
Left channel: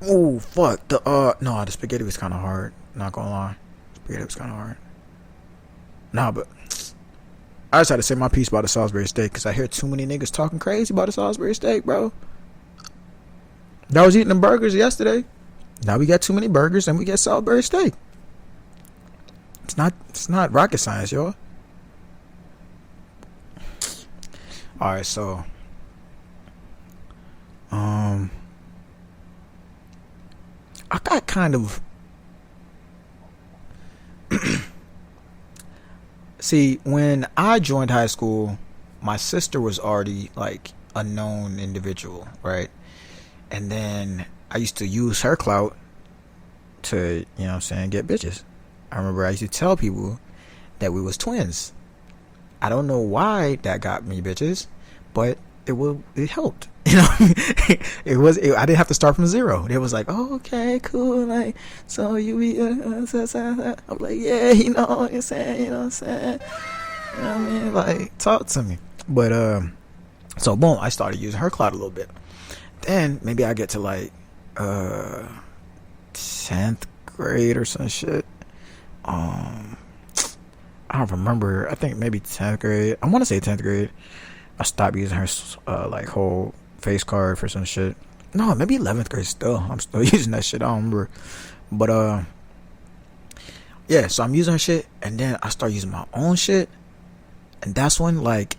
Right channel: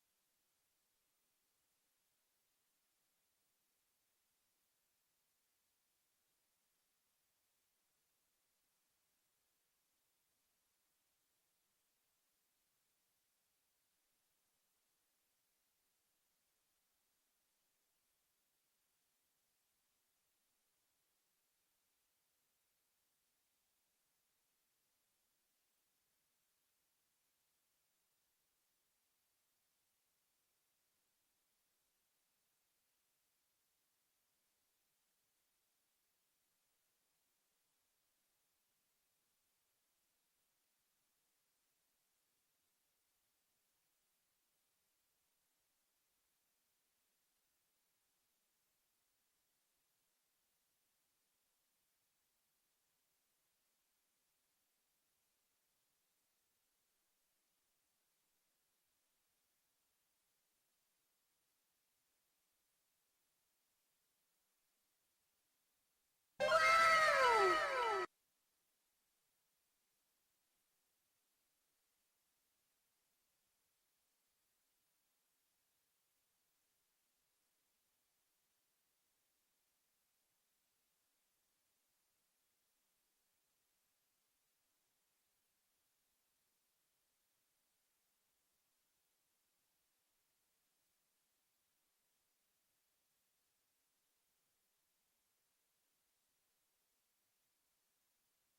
Ooh, fuck. The spaghetti was kinda hard. Not gonna lie. Spaghetti was kinda hard. Nah, but I just had to say my piece about the Salisbury steak because I hear too many niggas talking crazy about the Salisbury steak, bro. I was eating them burgers yesterday. Now we got too many burgers and we get Salisbury steak. It's not rocket science, y'all. Alright, so I got kind of See, when I joined high school, my sister was already like a known individual, right? And then I used to use her clout to, you know what I'm saying, get bitches. I remember I used to tell people that we was twins. I don't know why that got me bitches, but it helped. You know, I didn't have to start from zero. It was like, oh, okay, cool. Like, so you be, I'm like, yeah, you know what I'm saying, you know what I'm saying. You know what I mean? Like, talk to me. But, so boom, I started using her clout a little bit. Then maybe I get to like, 10th grade or some shit. I don't remember. I think maybe 10th grade. I want to say 10th grade. I stopped using her like whole face card for some shit. No, maybe 11th grade still. I'm still using that shit. I don't remember. But yeah, so I'm using her shit, and then I start using my own shit, and that's when like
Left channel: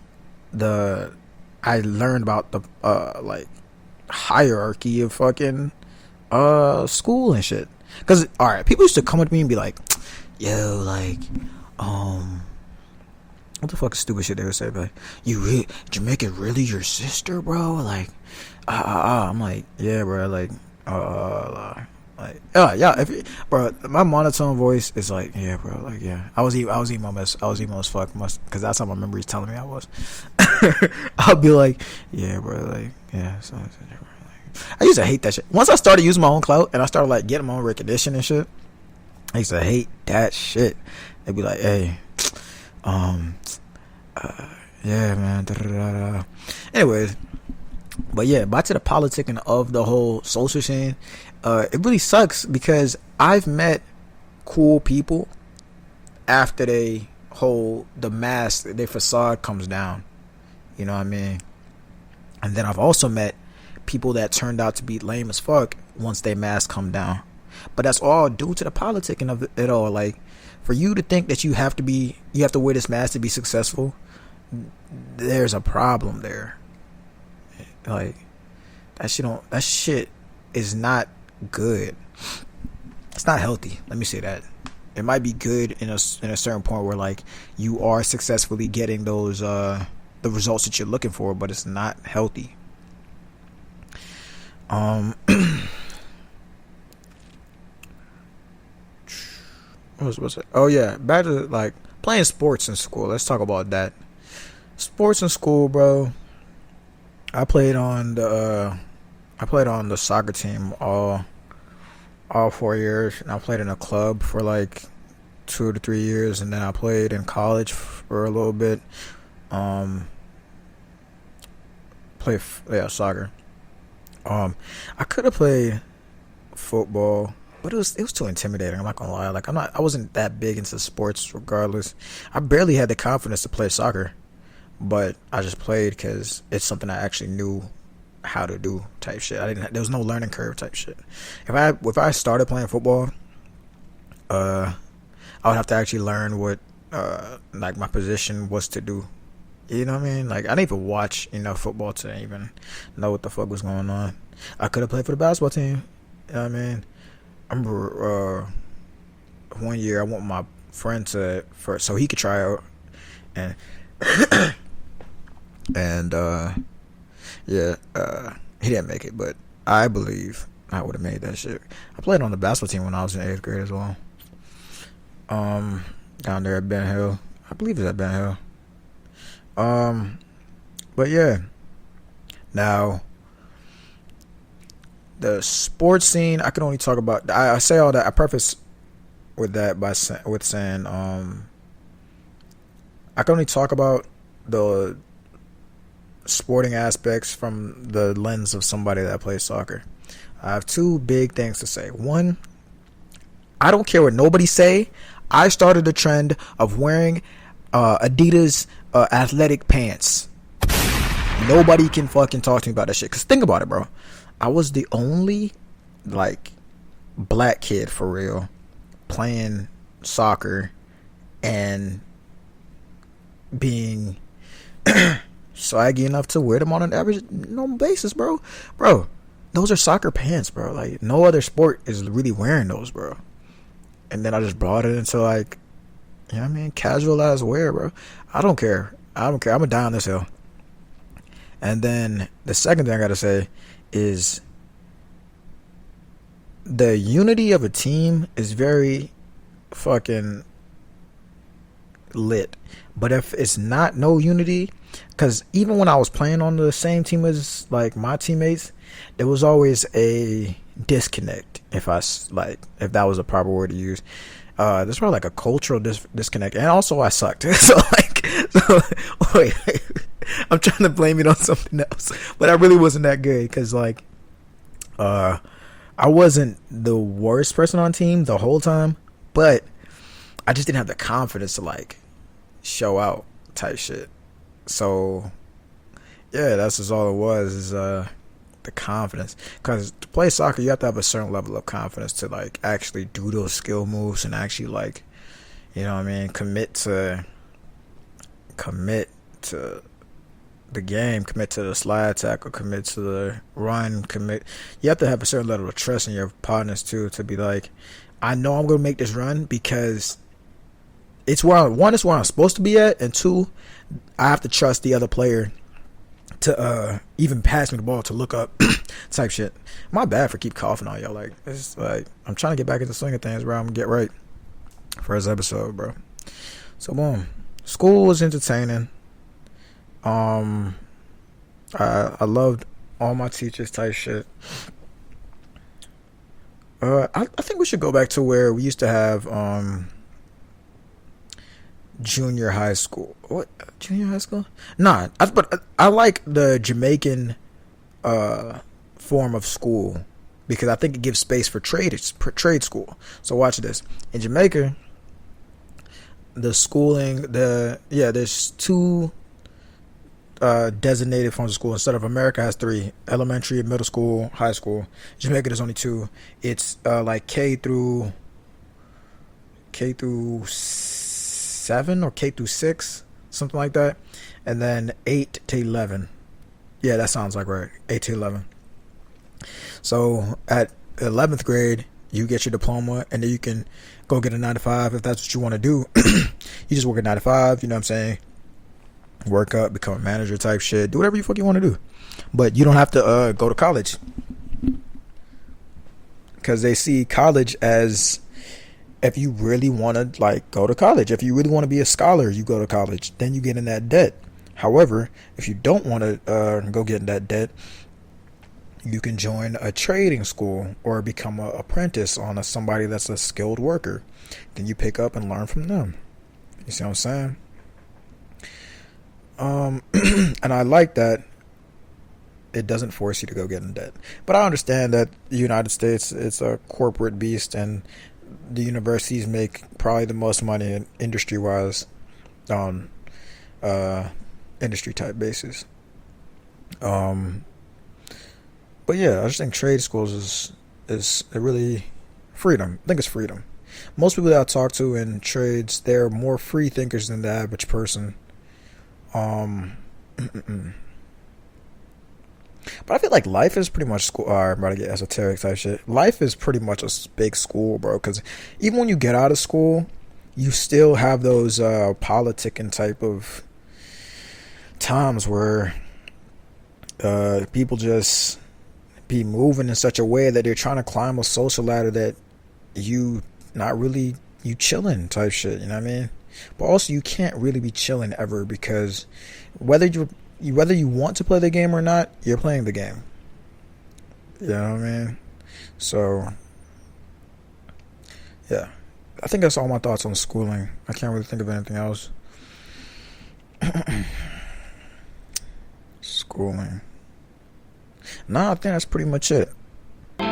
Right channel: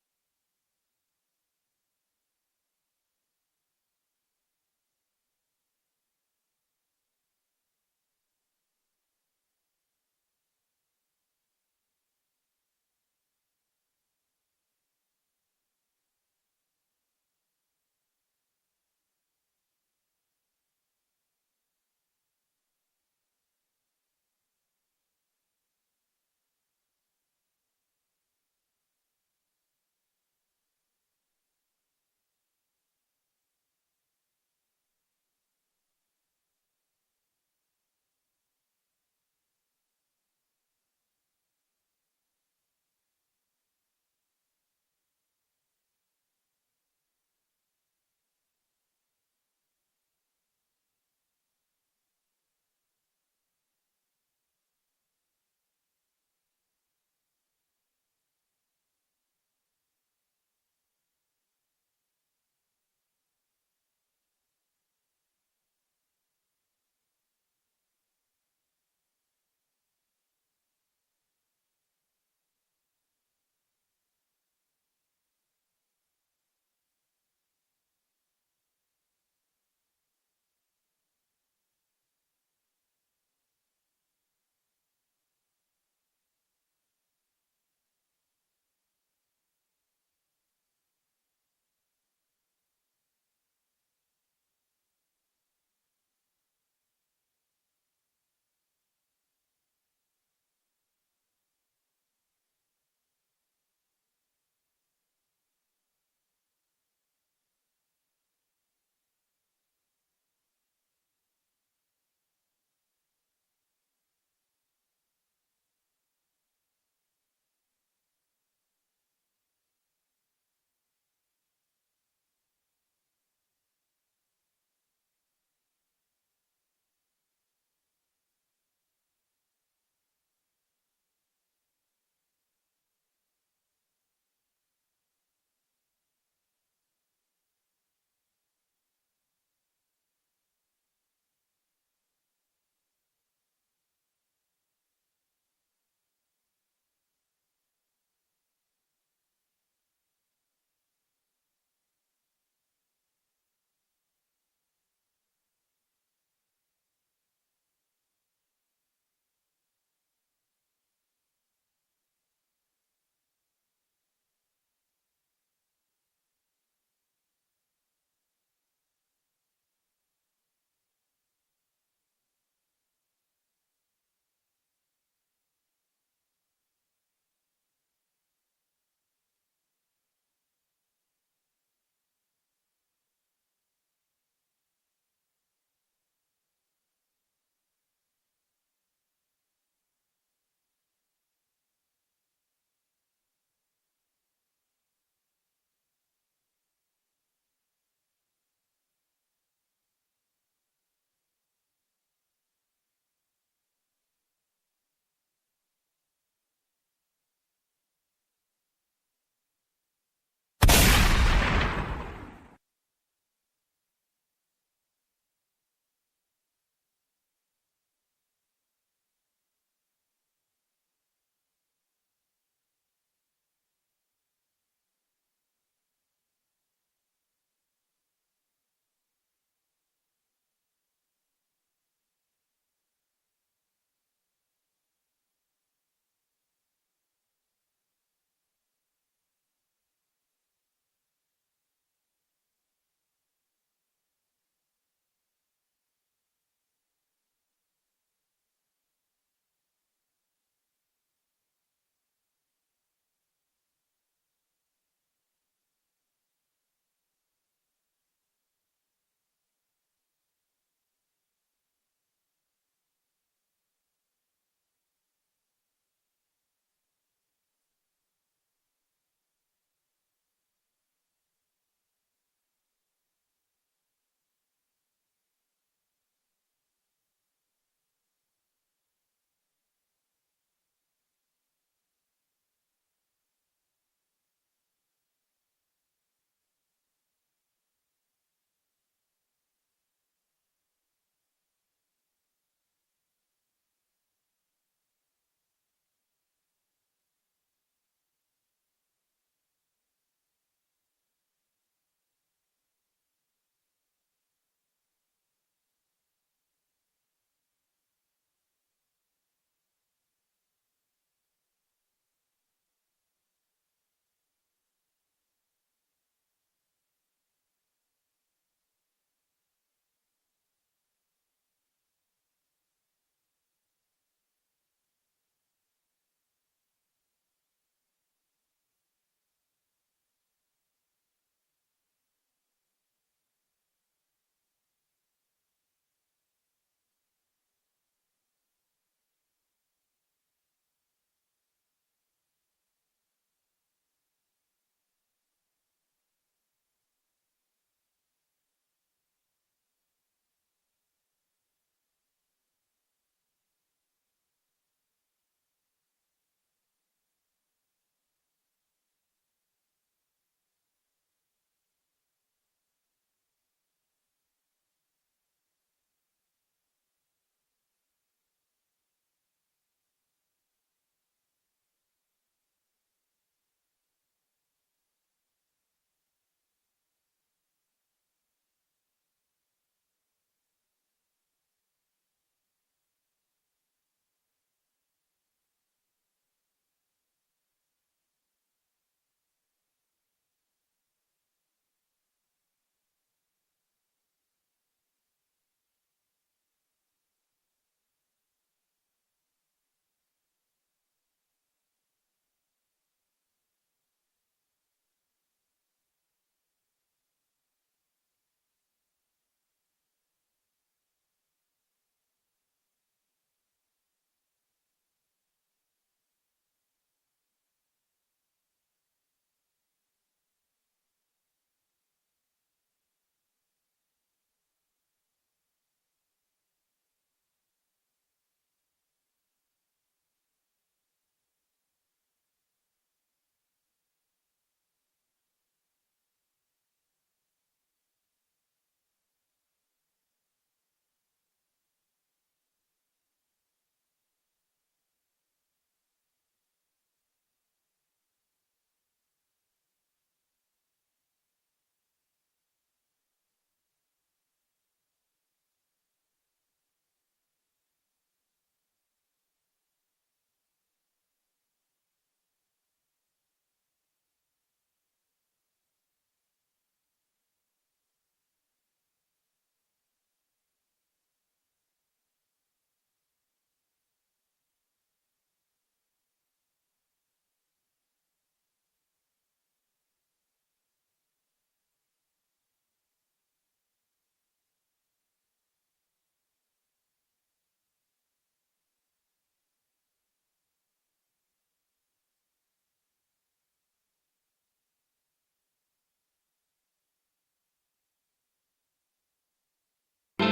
I learned about the like hierarchy of fucking school and shit. Cause alright, people used to come up to me and be like, yo, like, what the fuck is stupid shit they would say? Like, Jamaica really your sister, bro? Like, I'm like, yeah, bro. Like, yeah. Bro, my monotone voice is like, yeah, bro. Like, yeah. I was emo as fuck, cause that's how my memory's telling me I was. I'll be like, yeah, bro. Like, yeah. So, I used to hate that shit. Once I started using my own clout and I started like getting my own recognition and shit, I used to hate that shit. They'd be like, hey, yeah, man. Da-da-da-da. Anyways, but yeah, back to the politicking of the whole social scene. It really sucks because I've met cool people after the mask, their facade comes down. You know what I mean? And then I've also met people that turned out to be lame as fuck once their mask come down. But that's all due to the politicking of it all. Like, for you to think that you have to wear this mask to be successful, there's a problem there. Like, that shit is not good. It's not healthy. Let me say that. It might be good in a certain point where like you are successfully getting those the results that you're looking for, but it's not healthy. What's it? Oh yeah, back to like playing sports in school. Let's talk about that. Sports in school, bro. I played on the soccer team all 4 years, and I played in a club for like 2 to 3 years, and then I played in college for a little bit. Soccer. I could have played football, but it was too intimidating. I'm not gonna lie. Like I wasn't that big into sports. Regardless, I barely had the confidence to play soccer, but I just played because it's something I actually knew how to do type shit. There was no learning curve type shit. If I started playing football, I would have to actually learn what like my position was to do. You know what I mean? Like, I didn't even watch enough football to even know what the fuck was going on. I could have played for the basketball team. You know what I mean? I remember one year I want my friend so he could try out, and he didn't make it, but I believe I would have made that shit. I played on the basketball team when I was in 8th grade as well. Down there at Ben Hill. I believe it's at Ben Hill. But yeah. Now, the sports scene, I can only talk about. I say all that. I preface with that with saying, I can only talk about the sporting aspects from the lens of somebody that plays soccer. I have two big things to say. One, I don't care what nobody say. I started the trend of wearing Adidas athletic pants. Nobody can fucking talk to me about that shit. Cause think about it, bro. I was the only like black kid for real playing soccer and being swaggy enough to wear them on an average normal basis, bro. Bro, those are soccer pants, bro. Like, no other sport is really wearing those, bro. And then I just brought it into like, You know what I mean? Casual ass wear, bro. I don't care. I'm gonna die on this hill. And then the second thing I gotta say is the unity of a team is very fucking lit. But if it's not no unity, because even when I was playing on the same team as like my teammates, there was always a disconnect. If that was a proper word to use, there's probably like a cultural disconnect. And also I sucked. Wait, I'm trying to blame it on something else, but I really wasn't that good because like I wasn't the worst person on team the whole time, but I just didn't have the confidence to like show out type shit. So yeah, that's just all it was, is the confidence. Because to play soccer, you have to have a certain level of confidence to like actually do those skill moves and actually like, you know what I mean, commit to the game, commit to the slide tackle, commit to the run, you have to have a certain level of trust in your partners too, to be like, I know I'm gonna make this run because it's where it's where I'm supposed to be at, and two, I have to trust the other player to even pass me the ball to look up type shit. My bad for keep coughing on y'all. Like, it's like I'm trying to get back into the swing of things, bro. I'm gonna get right. First episode, bro. So boom. School was entertaining. I loved all my teachers type shit. I think we should go back to where we used to have junior high school. What, junior high school? Nah, but I like the Jamaican form of school because I think it gives space for trade school. So watch this. In Jamaica, the schooling, there's two designated forms of school. Instead of America has three: elementary, middle school, high school. Jamaica, there's only two. It's like K through 7 or K through 6, something like that, and then 8 to 11. Yeah, that sounds like right. 8 to 11. So at 11th grade, you get your diploma, and then you can go get a 9 to 5 if that's what you want to do. You just work a 9 to 5. You know what I'm saying? Work up, become a manager type shit. Do whatever you fuck you want to do, but you don't have to go to college, because they see college as, if you really want to like go to college, if you really want to be a scholar, you go to college, then you get in that debt. However, if you don't want to go get in that debt, you can join a trading school or become an apprentice on somebody that's a skilled worker. Then you pick up and learn from them. You see what I'm saying? And I like that it doesn't force you to go get in debt. But I understand that the United States, it's a corporate beast, and the universities make probably the most money industry-wise on industry type basis. But yeah, I just think trade schools is a really freedom. I think it's freedom. Most people that I talk to in trades, they're more free thinkers than the average person. But I feel like life is pretty much school. I'm about to get esoteric type shit. Life is pretty much a big school, bro. Because even when you get out of school, you still have those politicking type of times where people just be moving in such a way that they're trying to climb a social ladder that you chilling type shit. You know what I mean? But also, you can't really be chilling ever, because whether you want to play the game or not, you're playing the game. You know what I mean? So, yeah. I think that's all my thoughts on schooling. I can't really think of anything else. Schooling. Nah, I think that's pretty much it. And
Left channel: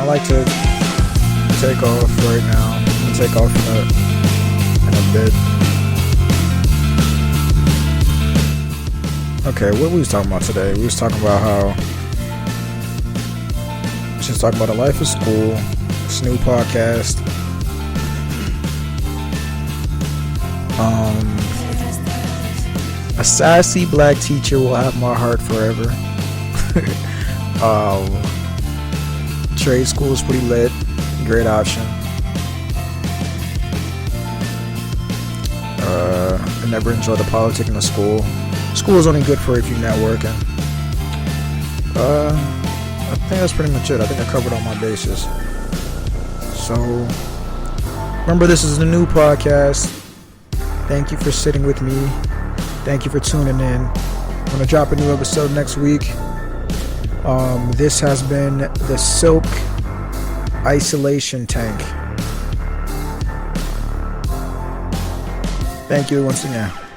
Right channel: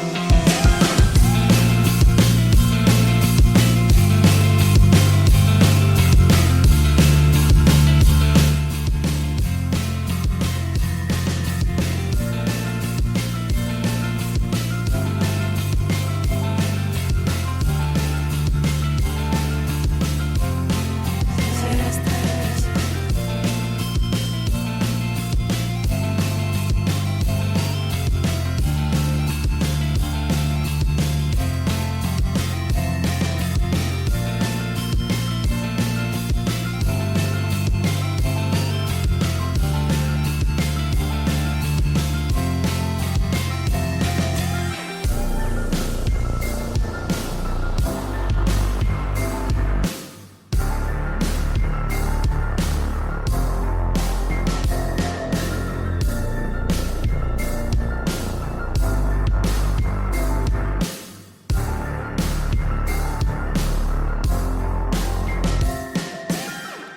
I like to take off right now. Take off in a bit. Okay, what we was talking about today? We was talking about how just talking about the life of school. This new podcast. A sassy black teacher will have my heart forever. trade school is pretty lit. Great option. I never enjoyed the politics in the school. School is only good for if you're networking. I think that's pretty much it. I think I covered all my bases. So, remember, this is a new podcast. Thank you for sitting with me. Thank you for tuning in. I'm going to drop a new episode next week. This has been the Silk Isolation Tank. Thank you once again.